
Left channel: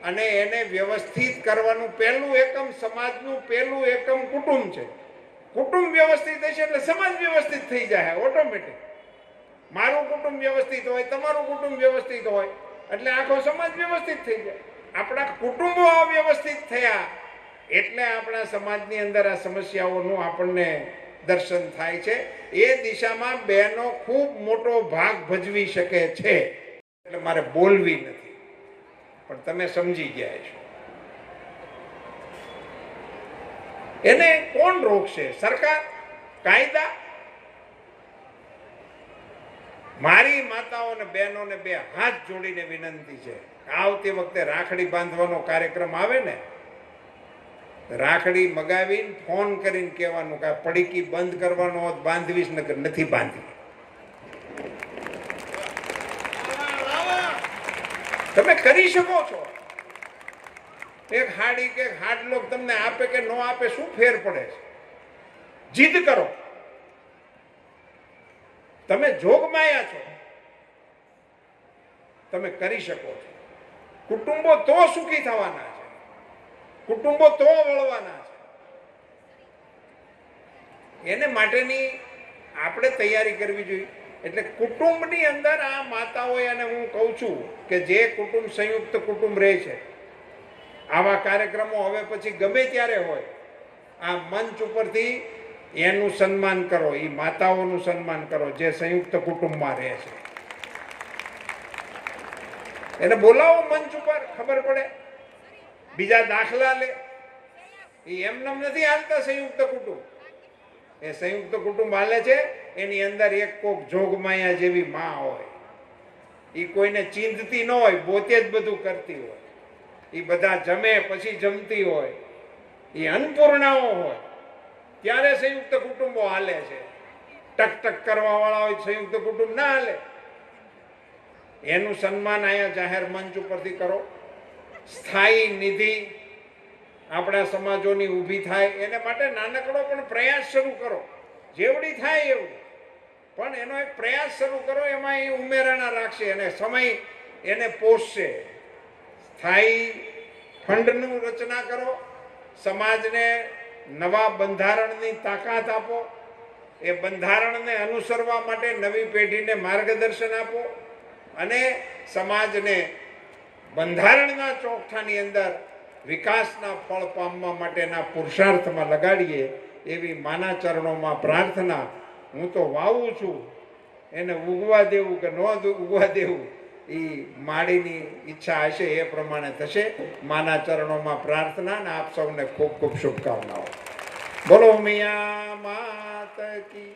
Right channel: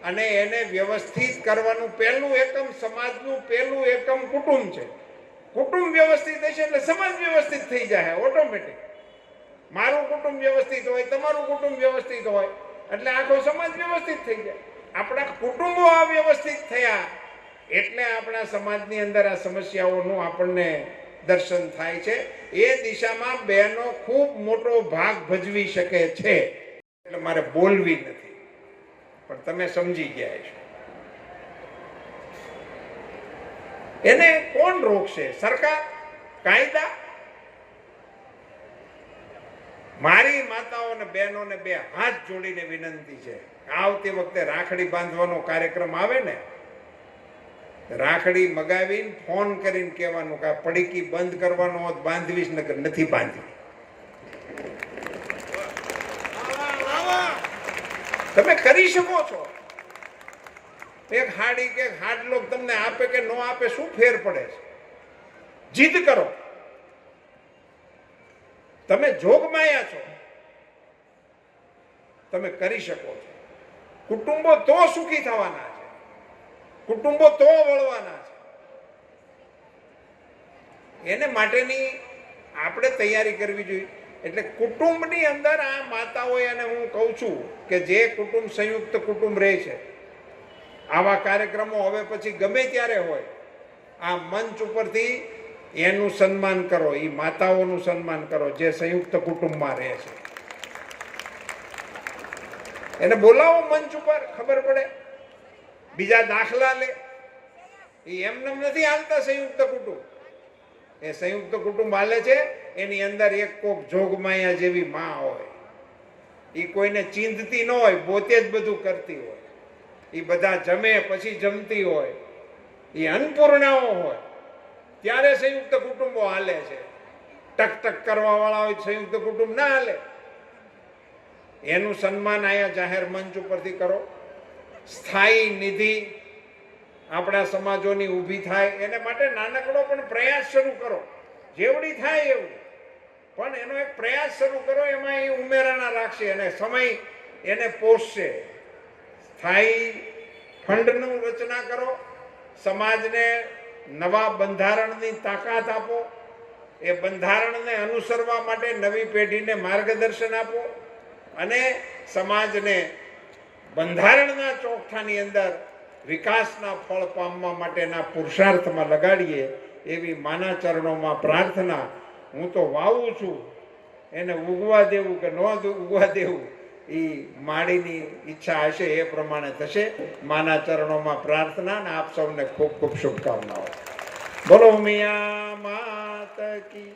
અને એને વ્યવસ્થિત કરવાનું પહેલું એકમ, સમાજનું પહેલું એકમ કુટુંબ છે. કુટુંબ વ્યવસ્થિત હશે એટલે સમાજ વ્યવસ્થિત થઈ જાય ઓટોમેટિક. મારું કુટુંબ વ્યવસ્થિત હોય, તમારું કુટુંબ વ્યવસ્થિત હોય એટલે આખો સમાજ વ્યવસ્થિત થઈ જાય. આપણા કુટુંબો અવ્યવસ્થિત થયા એટલે આપણા સમાજની અંદર આ સમસ્યાઓનું આપણને દર્શન થાય છે. એ દિશામાં બહેનો ખૂબ મોટો ભાગ ભજવી શકે છે. એટલે મારે બોલવી નથી, પણ તમે સમજી ગયા છો. એને કોણ રોકશે? સરકાર? કાયદા? મારી માતાઓને બહેનોને 2 હાથ જોડીને વિનંતી છે, આવતી વખતે રાખડી બાંધવાનો કાર્યક્રમ આવે ને, રાખડી મગાવીને ફોન કરીને કહેવાનું કે પડીકી બંધ કરવાનો હોત બાંધવીશ, નકર નથી બાંધવી. તમે કરી શકો છો. એક હાડી કે હાડલો તમને આપે કે ન આપે શું ફેર પડે છે? જીદ કરો. તમે જોગમાયા છો. તમે કરી શકો છો. કુટુંબો તો સુખી થવાના છે, કુટુંબો તો વળવાના છે. એને માટેની આપણે તૈયારી કરવી જોઈએ. એટલે કુટુંબની અંદર આ માતાઓએ, અને હું કહું છું કે જે કુટુંબ સંયુક્ત કુટુંબ રહે છે, આવા કાર્યક્રમો હવે પછી ગમે ત્યારે હોય, આ મંચ ઉપરથી એનું સન્માન કરો, એ માતાઓનું સન્માન કરો જે સંયુક્ત કુટુંબમાં રહે છે. એને બોલાવો મંચ ઉપર, ખબર પડે. બીજા દાખલા લે. એ એમને નથી હાલતા સંયુક્ત કુટુંબ. એ સંયુક્ત કુટુંબ હાલે છે, એની અંદર એક કોક જોગમાયા જેવી માં હોય. એ કોઈને ચીંધતી ન હોય, પોતે જ બધું કરતી હોય. એ બધા જમે પછી જમતી હોય. એ અન્નપૂર્ણાઓ હોય. ત્યારે સંયુક્ત કુટુંબો હાલે છે. ટક ટક કરવા વાળા હોય સંયુક્ત કુટુંબ ના હાલે. એનું સન્માન અહીંયા જાહેર મંચ ઉપરથી કરો. સ્થાયી નિધિ આપણા સમાજોની ઊભી થાય, એને માટે નાનકડો પણ પ્રયાસ શરૂ કરો. જેવડી થાય એવું, પણ એનો એક પ્રયાસ શરૂ કરો. એમાં એ ઉમેરાના રાખશે અને સમય એને પોષશે. સ્થાયી ફંડનું રચના કરો. સમાજને નવા બંધારણની તાકાત આપો. એ બંધારણને અનુસરવા માટે નવી પેઢીને માર્ગદર્શન આપો અને સમાજને બંધારણના ચોકઠાની અંદર વિકાસના ફળ પામવા માટેના પુરુષાર્થમાં લગાડીએ એવી માના ચરણોમાં પ્રાર્થના. હું તો વાવું છું, એને ઉગવા દેવું કે ન ઉગવા દેવું એ માળીની ઈચ્છા હશે, એ પ્રમાણે થશે. માના ચરણોમાં પ્રાર્થના અને આપ સૌને ખૂબ ખૂબ શુભકામનાઓ. બોલો મિયા માત કી.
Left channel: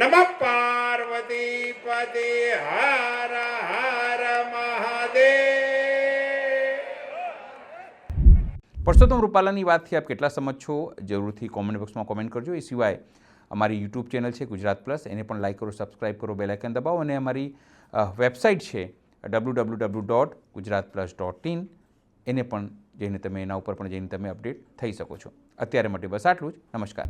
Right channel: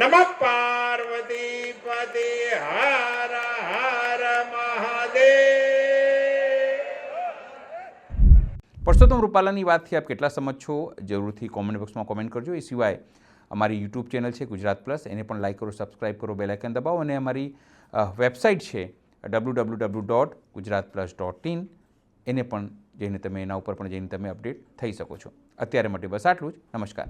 નમઃ પાર્વતી પદે. હર હર મહાદેવ. પરસોત્તમ રૂપાલાની વાતથી આપ કેટલા સમજ છો જરૂરથી કોમેન્ટ બોક્સમાં કોમેન્ટ કરજો. એ સિવાય અમારી યુટ્યુબ ચેનલ છે ગુજરાત પ્લસ, એને પણ લાઇક કરો, સબસ્ક્રાઇબ કરો, બેલ આઇકન દબાવો અને અમારી વેબસાઇટ છે www.gujaratplus.in, એને પણ જઈને તમે એના ઉપર પણ જઈને તમે અપડેટ થઈ શકો છો. અત્યારે માટે બસ આટલું જ. નમસ્કાર.